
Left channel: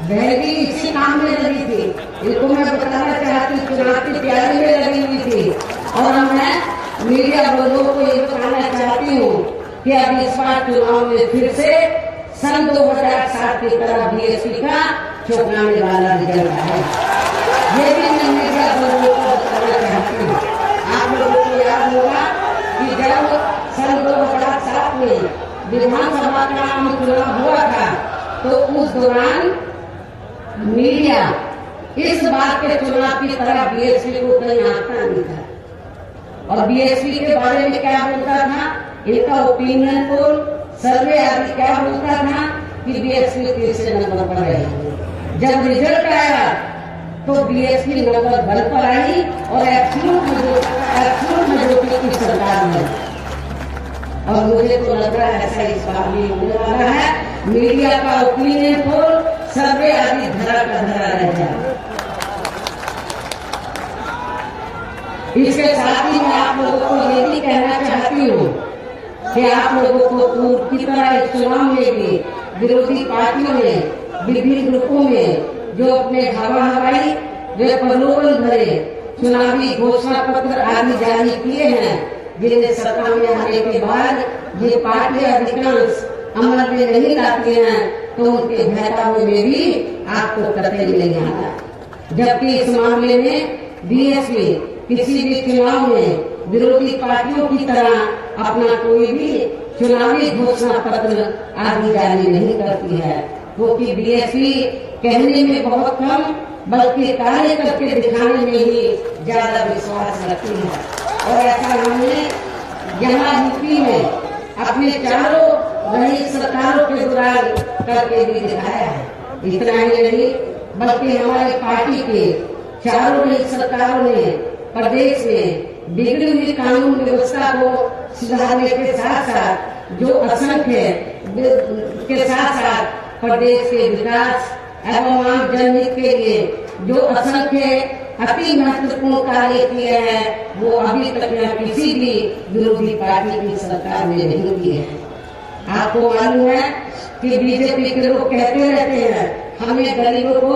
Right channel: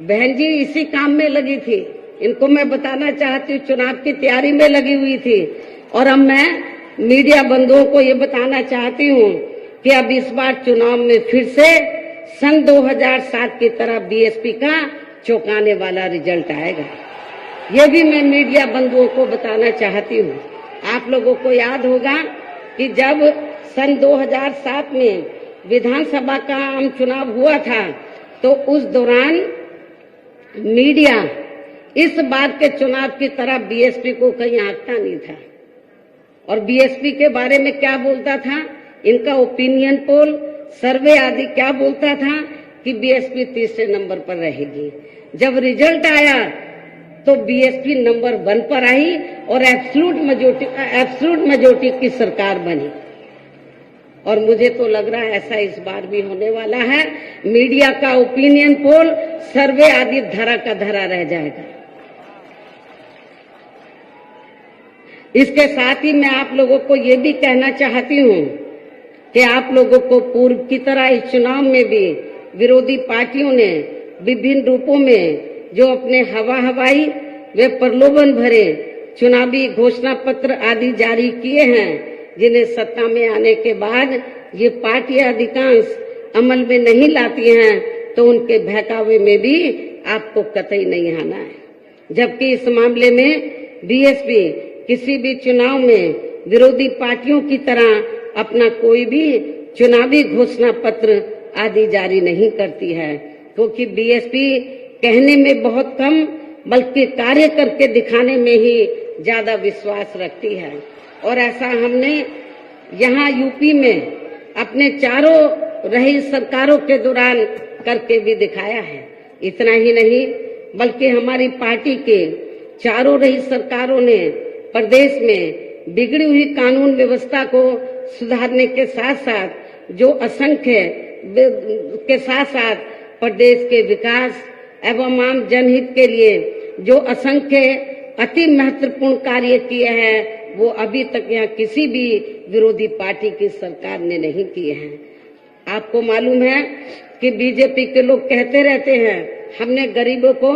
बहन जी इसी काम में लगी थी, इनको मैं बताना चाहती हूँ चुनाव की तैयारी में लगी हुई थी। और अब मैं मीडिया बंधुओं को ये बताना चाहती हूँ कि अब इस बार चुनाव में फिर से सन 2007 की तरह बीएसपी का चौंकाने वाला रिजल्ट आएगा। ये भी मैं मीडिया बंधुओं को बताना चाहती हूँ। आप लोगों को याद होगा कि जब सन 2007 में विधानसभा का आम चुनाव हुआ था, तो उस दौरान मीडिया इस बात के चुनाव की तरह बीएसपी को कहीं आंकता नहीं था। और बीएसपी के बारे में क्या बोलता था, इनका ओपिनियन पोल, सर्वे आदि क्या बोलता था कि बीएसपी तीसरे नंबर पर रहेगी। जब रिजल्ट आया तो बीएसपी नंबर 1 पर आई और एब्सोल्यूट मेजॉरिटी की सरकार में। और मुझे तो लग रहा है ऐसा इस बार भी होने वाला है। मीडिया का ओपिनियन पोल, सर्वे आदि धरा का धरा रह जाए। इसके साथ ही मैं आप लोगों को ये भी कहना चाहती हूँ कि आप लोगों को पूर्व की तरह इस चुनाव में भी विरोधी पार्टियों ने विभिन्न रूपों में जो अपने हवाई व प्रलोभन भरे चुनावी घोषणा पत्र आदि जारी किए हैं, जिन्हें सत्ता में आने के बाद ये पार्टियां अधिकांश अमल में नहीं लाती हैं, तो उनके बहकावे में भी आपको कतई नहीं आना। जबकि इस मामले में बीएसपी किसी भी चुनाव में विरोधी पार्टियों की तरह अपना कोई भी चुनावी घोषणा पत्र आदि जारी नहीं करती है, क्योंकि बीएसपी कहने में बहुत कम बल्कि कार्य करके दिखाने में ही ज्यादा विश्वास रखती है। और ऐसा हमने यहाँ यूपी में अपने चारों रही सरकारों के दौरान करके भी दिखाया है। इतना ही नहीं बल्कि हमारी पार्टी के चारों रही सरकारों ने प्रदेश में बिगड़ी हुई कानून व्यवस्था को सुधारने के साथ साथ जो असंख्य के साथ साथ प्रदेश के विकास एवं आम जनहित के लिए जो असंख्य अति महत्वपूर्ण कार्य किए हैं, वो अभी तक यहाँ किसी भी विरोधी पार्टी की सरकार ने नहीं किए हैं। आपको मालूम है कि बीजेपी के लोग कहते रहते हैं हमने गरीबों को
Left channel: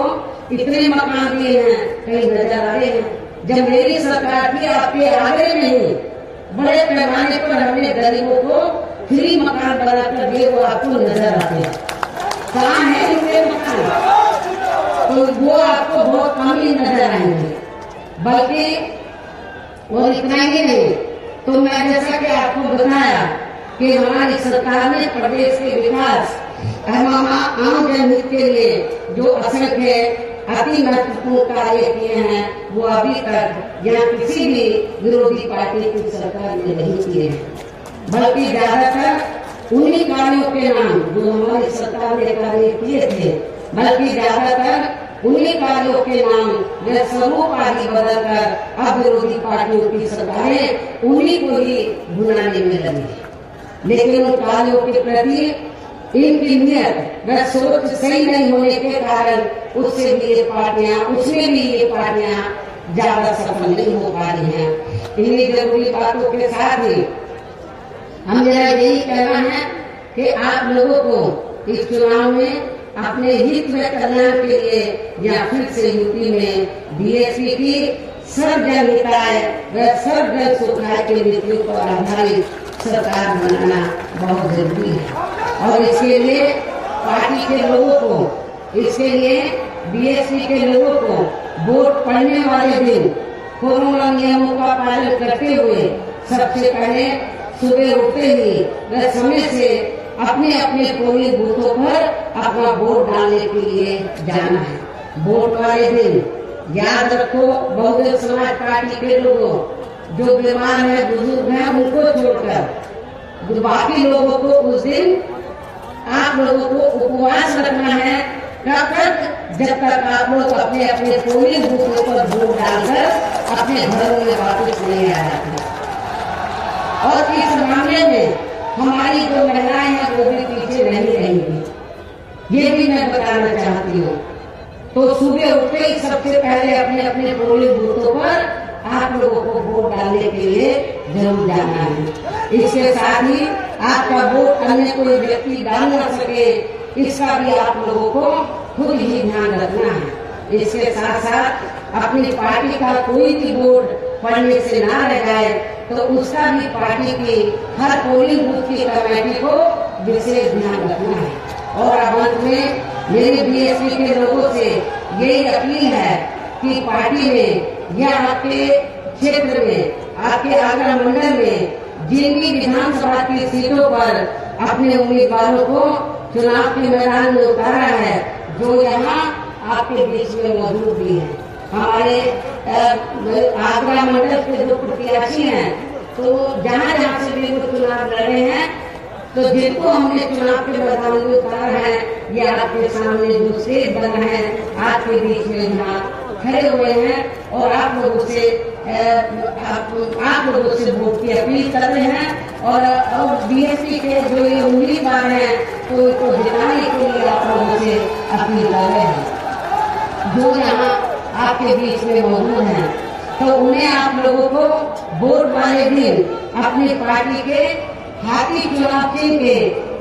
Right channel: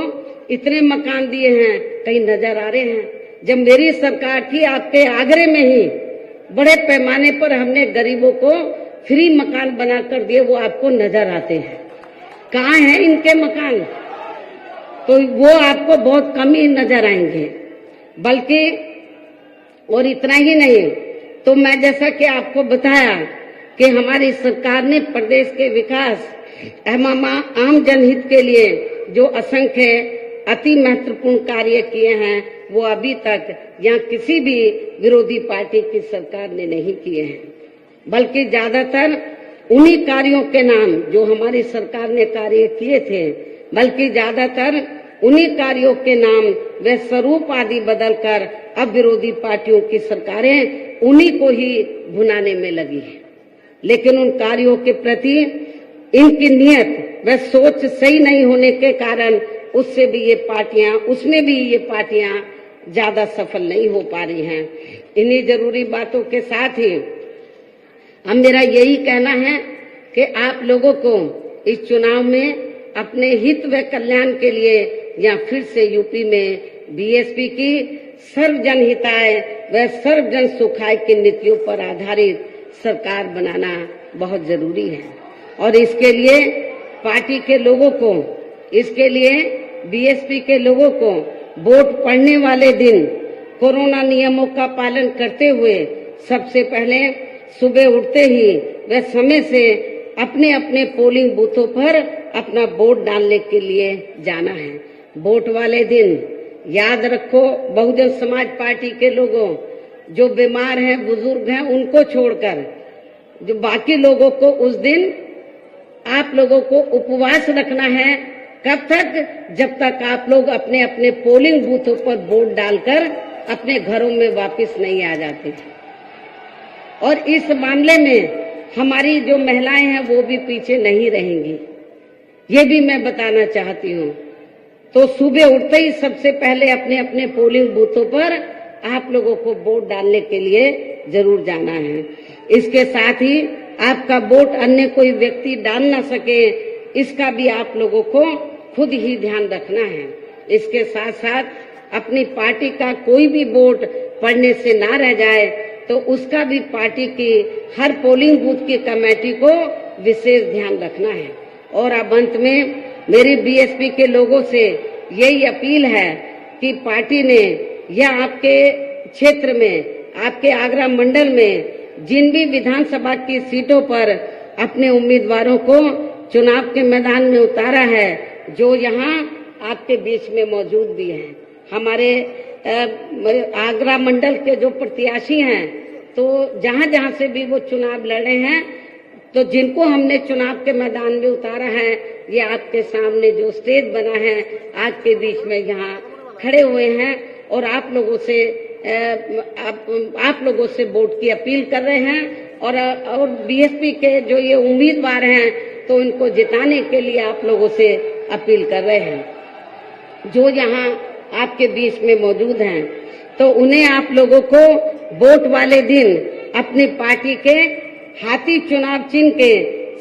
इतने मकान दिए हैं, कहीं नजर आ रहे हैं। जब मेरी सरकार थी आपके आगरे में ही बड़े पैमाने पर हमने गरीबों को फ्री मकान बनाकर दिए, वो आपको नजर आते हैं। कहाँ हैं इनके मकान? तो वो आपको बहुत कम ही नजर आएंगे। बल्कि और इतना ही नहीं, तो मैं जैसा कि आपको बताया कि हमारी सरकार ने प्रदेश के विकास एवं आम जनहित के लिए जो असंख्य अति महत्वपूर्ण कार्य किए हैं, वो अभी तक यहाँ किसी भी विरोधी पार्टी की सरकार ने नहीं किए हैं। बल्कि ज्यादातर उन्हीं कार्यों के नाम जो हमारी सरकार ने कार्य किए थे, बल्कि ज्यादातर उन्हीं कार्यों के नाम व स्वरूप आदि बदलकर अब विरोधी पार्टियों की सरकारें उन्हीं को ही भुनाने में लगी है। लेकिन उन कार्यों के प्रति इनकी नियत व सोच सही नहीं होने के कारण उसमें भी ये पार्टियां ज्यादा सफल नहीं हो पा रही हैं। इन्हीं जरूरी बातों के साथ ही मेरा यही कहना है कि आप लोगों को इस चुनाव में अपने हित व कल्याण के लिए या फिर से यूपी में बीएसपी की सर्वजन हिताय व सर्वजन सुखाय की नीतियों पर आधारित सरकार बनाना बहुत जरूरी है। और इसके लिए पार्टी के लोगों को, इसके लिए बीएसपी के लोगों को वोट पड़ने वाले दिन कोरोना नियमों का पालन करते हुए सबसे पहले सुबह उठते ही व समय से अपने अपने पोलिंग बूथों पर अपना वोट डालने के लिए जाना है। वोट वाले दिन याद रखो, बहुजन समाज पार्टी के लोगों, जो बीमार हैं, बुजुर्ग हैं, उनको छोड़कर जो बाकी लोगों को उस दिन आप लोगों को उपवास रखना है। कब तक? जब तक आप लोग अपने अपने पोलिंग बूथों पर वोट डालकर अपने घरों में वापस नहीं आ जाते। और इस मामले में हमारी जो महिलाएं हैं वो भी पीछे नहीं रहेंगी, ये भी मैं बताना चाहती हूँ। तो सुबह उठते ही सबसे पहले अपने अपने पोलिंग बूथों पर आप लोगों को वोट डालने के लिए जरूर जाना है। इसके साथ ही आपका वोट अन्य कोई व्यक्ति डाल ना सके, इसका भी आप लोगों को खुद ही ध्यान रखना है। इसके साथ साथ अपनी पार्टी का कोई भी वोट पड़ने से ना रह जाए, तो उसका भी पार्टी की हर पोलिंग बूथ की कमेटी को विशेष ध्यान रखना है। और अब अंत में मेरी बीएसपी के लोगों से यही अपील है कि पार्टी ने या आपके क्षेत्र में, आपके आगरा मंडल में जिन भी विधानसभा की सीटों पर अपने उम्मीदवारों को चुनाव के मैदान में उतारा है, जो यहाँ आपके बीच में मौजूद भी है। हमारे आगरा मंडल के जो प्रत्याशी हैं, तो जहाँ जहाँ से भी वो चुनाव लड़े हैं, तो जिनको हमने चुनाव के मैदान में उतारा है, ये आपके सामने जो स्टेज बना है, आपके बीच में यहाँ खड़े हुए हैं और आप लोगों से वोट की अपील कर रहे हैं। और बीएसपी के जो ये उम्मीदवार हैं, तो इनको जिताने के लिए आप लोगों से अपील कर रहे हैं। जो यहाँ आपके बीच में मौजूद हैं, तो उन्हें आप लोगों को वोट वाले दिन अपनी पार्टी के हाथी चुनाव चिन्ह के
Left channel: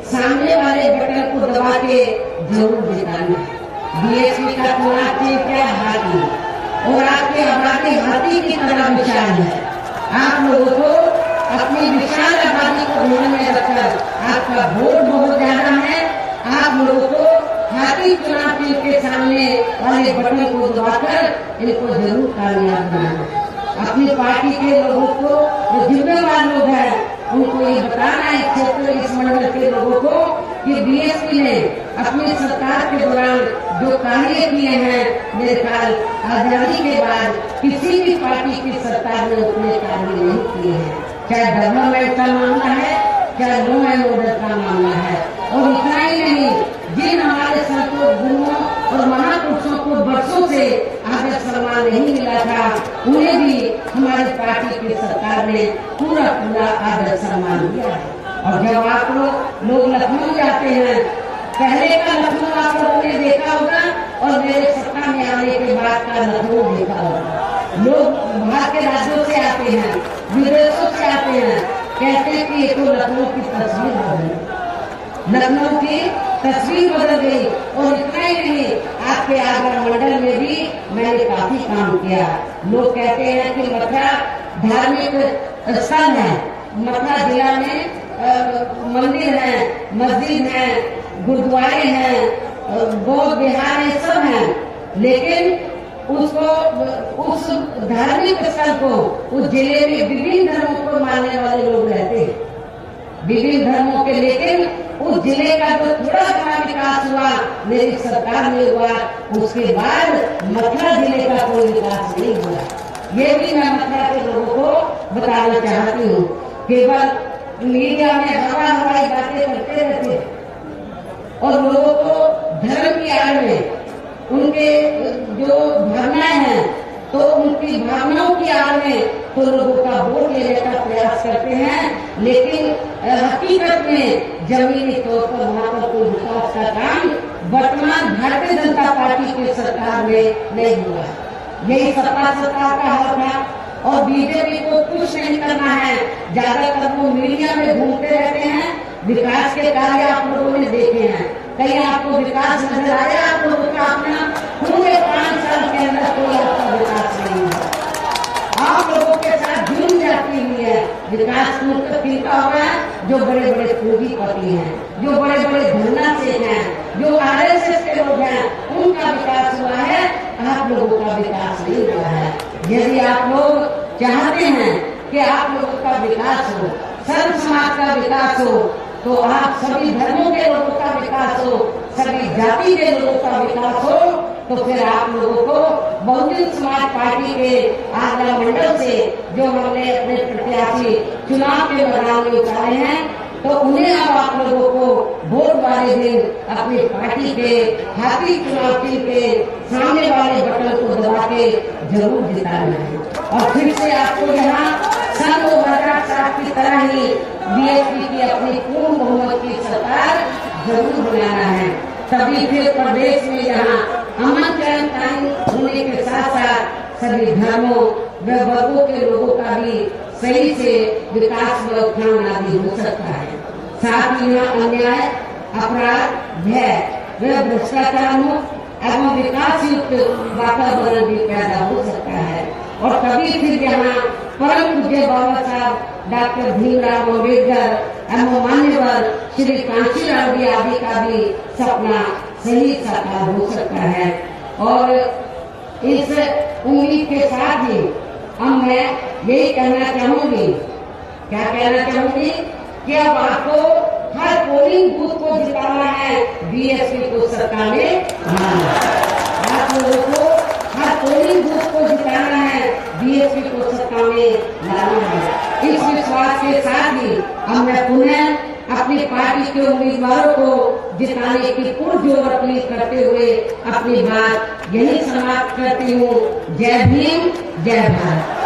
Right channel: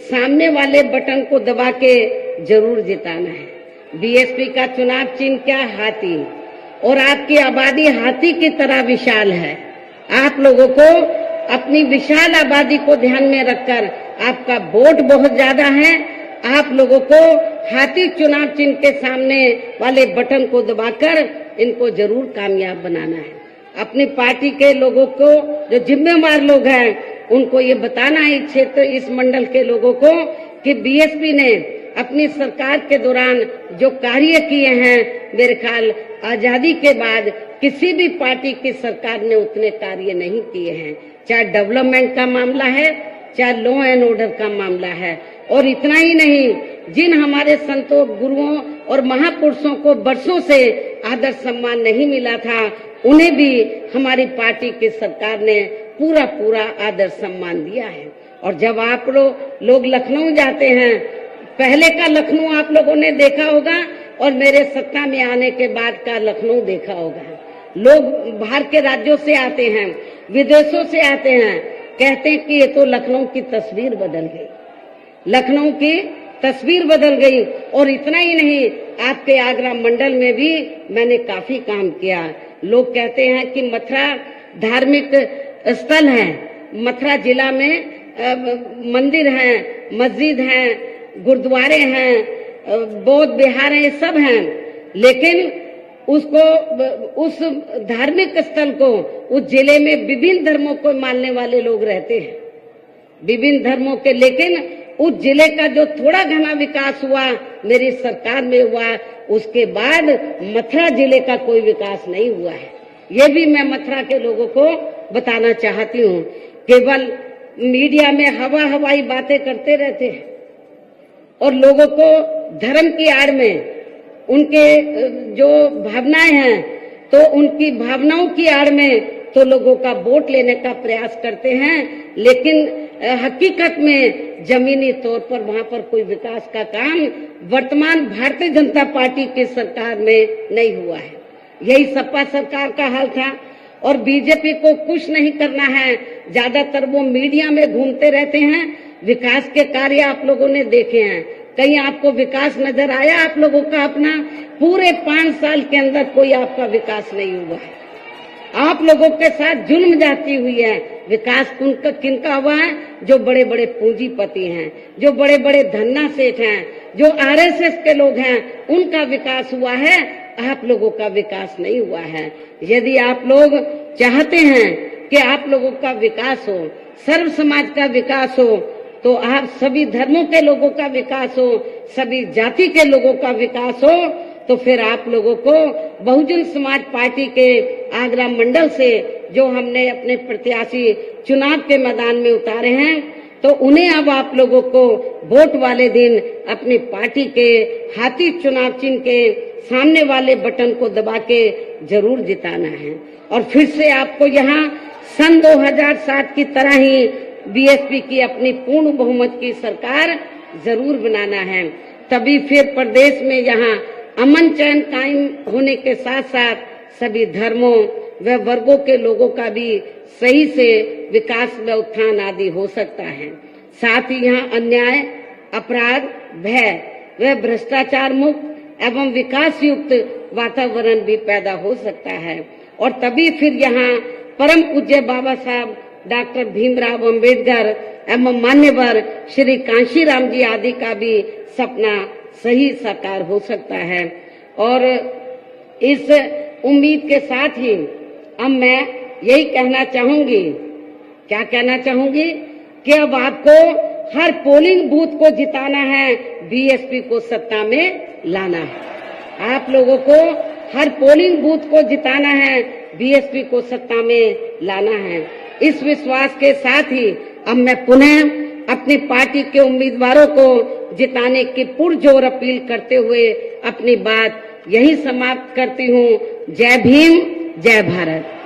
सामने वाले बटन को दबा के जरूर जिताना है। बीएसपी का चुनाव चिन्ह क्या? हाथी। और आपकी आबादी हाथी की तरह विशाल है। आप लोगों को अपनी विशाल आबादी को ध्यान में रखकर, आपका वोट बहुत ज्यादा है, आप लोगों को हाथी चुनाव चिन्ह के सामने वाले बटन को दबाकर इनको जरूर कामयाब बनाना है। अपनी पार्टी के लोगों को, जो जिम्मेवार लोग हैं, उनको ये बताना है, इस क्षेत्र, इस मंडल के लोगों को, कि बीएसपी ने अपनी सरकार के दौरान जो कार्य किए हैं, मेरे ख्याल आजादी के बाद किसी भी पार्टी की सरकार ने उतने कार्य नहीं किए हैं। चाहे डेवलपमेंट का मामला है, चाहे लॉ एंड ऑर्डर का मामला है। और इतना ही नहीं, जिन हमारे संतों, गुरुओं और महापुरुषों को बरसों से आदर सम्मान नहीं मिला था, उन्हें भी हमारी पार्टी की सरकार ने पूरा पूरा आदर सम्मान दिया है। और जब आप लोग लखनऊ जाते हैं, पहले का लखनऊ आप लोगों ने देखा होगा और मेरे सत्ता में आने के बाद का लखनऊ देखा होगा। लोग बाहर के राज्यों से आते हैं, विदेशों से आते हैं, कहते हैं कि ये तो लखनऊ की तस्वीर बदल गई, लखनऊ की तस्वीर बदल गई। और इतना ही नहीं, आपके आगरा मंडल में भी मैंने काफी काम किया। लोग कहते हैं कि मथुरा धार्मिक स्थल है, मथुरा जिला में मंदिर है, मस्जिद है, गुरुद्वारे हैं, बौद्ध विहार है, सब हैं, लेकिन उसको, उस धार्मिक स्थल को, उस जिले में विभिन्न धर्मों को मानने वाले लोग रहते हैं, विभिन्न धर्मों के, लेकिन उस जिले का जो थोड़ा घना विकास हुआ मेरी सरकार में हुआ, उसके बाद मथुरा जिले का कोई विकास नहीं हुआ है। ये भी मैं मथुरा के लोगों को बताना चाहती हूँ। केवल मीडिया में हवाई बातें करते रहते हैं और लोगों को धर्म की आड़ में उनके जो भावनाएं हैं, तो उनकी भावनाओं की आड़ में तो लोगों का वोट लेने का प्रयास करते हैं, लेकिन हकीकत में जमीनी तौर पर वहाँ पर कोई विकास का काम वर्तमान भारतीय जनता पार्टी की सरकार में नहीं हुआ है। यही सपा सरकार का हाल था। और बीजेपी को कुछ नहीं करना है, ज्यादातर वो मीडिया में घूमते रहते हैं। विकास के कार्य आप लोगों ने देखे हैं, कहीं आपको विकास नजर आया आप लोगों का? अपना पूरे 5 साल के अंदर कोई आपका विकास नहीं हुआ। आप लोगों के साथ जुल्म जाती हुई है। विकास किनका हुआ है? जो बड़े बड़े पूंजीपति हैं, जो बड़े बड़े धन्ना सेठ हैं, जो आरएसएस के लोग हैं, उनका विकास हुआ है। आप लोगों का विकास नहीं हुआ है। यदि आप लोग चाहते हैं कि आप लोगों का विकास हो, सर्व समाज का विकास हो, तो आप सभी धर्मों के लोगों का विकास हो, सभी जाति के लोगों का विकास हो, तो फिर आप लोगों को बहुजन समाज पार्टी के आगरा मंडल से जो हमने अपने प्रत्याशी चुनाव के मैदान में उतारे हैं, तो उन्हें अब आप लोगों को वोट वाले दिन अपनी पार्टी के हाथी चुनाव चिन्ह के सामने वाले बटन को दबा के जरूर जिताना है। और फिर से आपको यहाँ सन 2007 की तरह ही बीएसपी की अपनी पूर्ण बहुमत की सरकार जरूर बनाना है। तभी फिर प्रदेश में यहाँ अमन चैन कायम होने के साथ साथ सभी धर्मों व वर्गों के लोगों का भी सही से विकास व उत्थान आदि हो सकता है। साथ ही यहाँ अन्याय, अपराध, भय व भ्रष्टाचार मुक्त एवं विकास युक्त वातावरण भी पैदा हो सकता है। और तभी फिर यहाँ परम पूज्य बाबा साहब डॉक्टर भीमराव अंबेडकर एवं मान्यवर श्री कांशीराम जी आदि का भी सपना सही साकार हो सकता है। और इस उम्मीद के साथ ही अब मैं यही कहना चाहूंगी, क्या कहना चाहूंगी कि अब आपको हर पोलिंग बूथ को जिताना है, बीएसपी को सत्ता में लाना है। आप लोगों को हर पोलिंग बूथ को जिताना है, बीएसपी को सत्ता में लाना है। इस विश्वास के साथ ही अब मैं पुनः अपनी पार्टी के उम्मीदवारों को जिताने की पुरजोर अपील करते हुए अपनी बात यही समाप्त करती हूँ। जय भीम, जय भारत।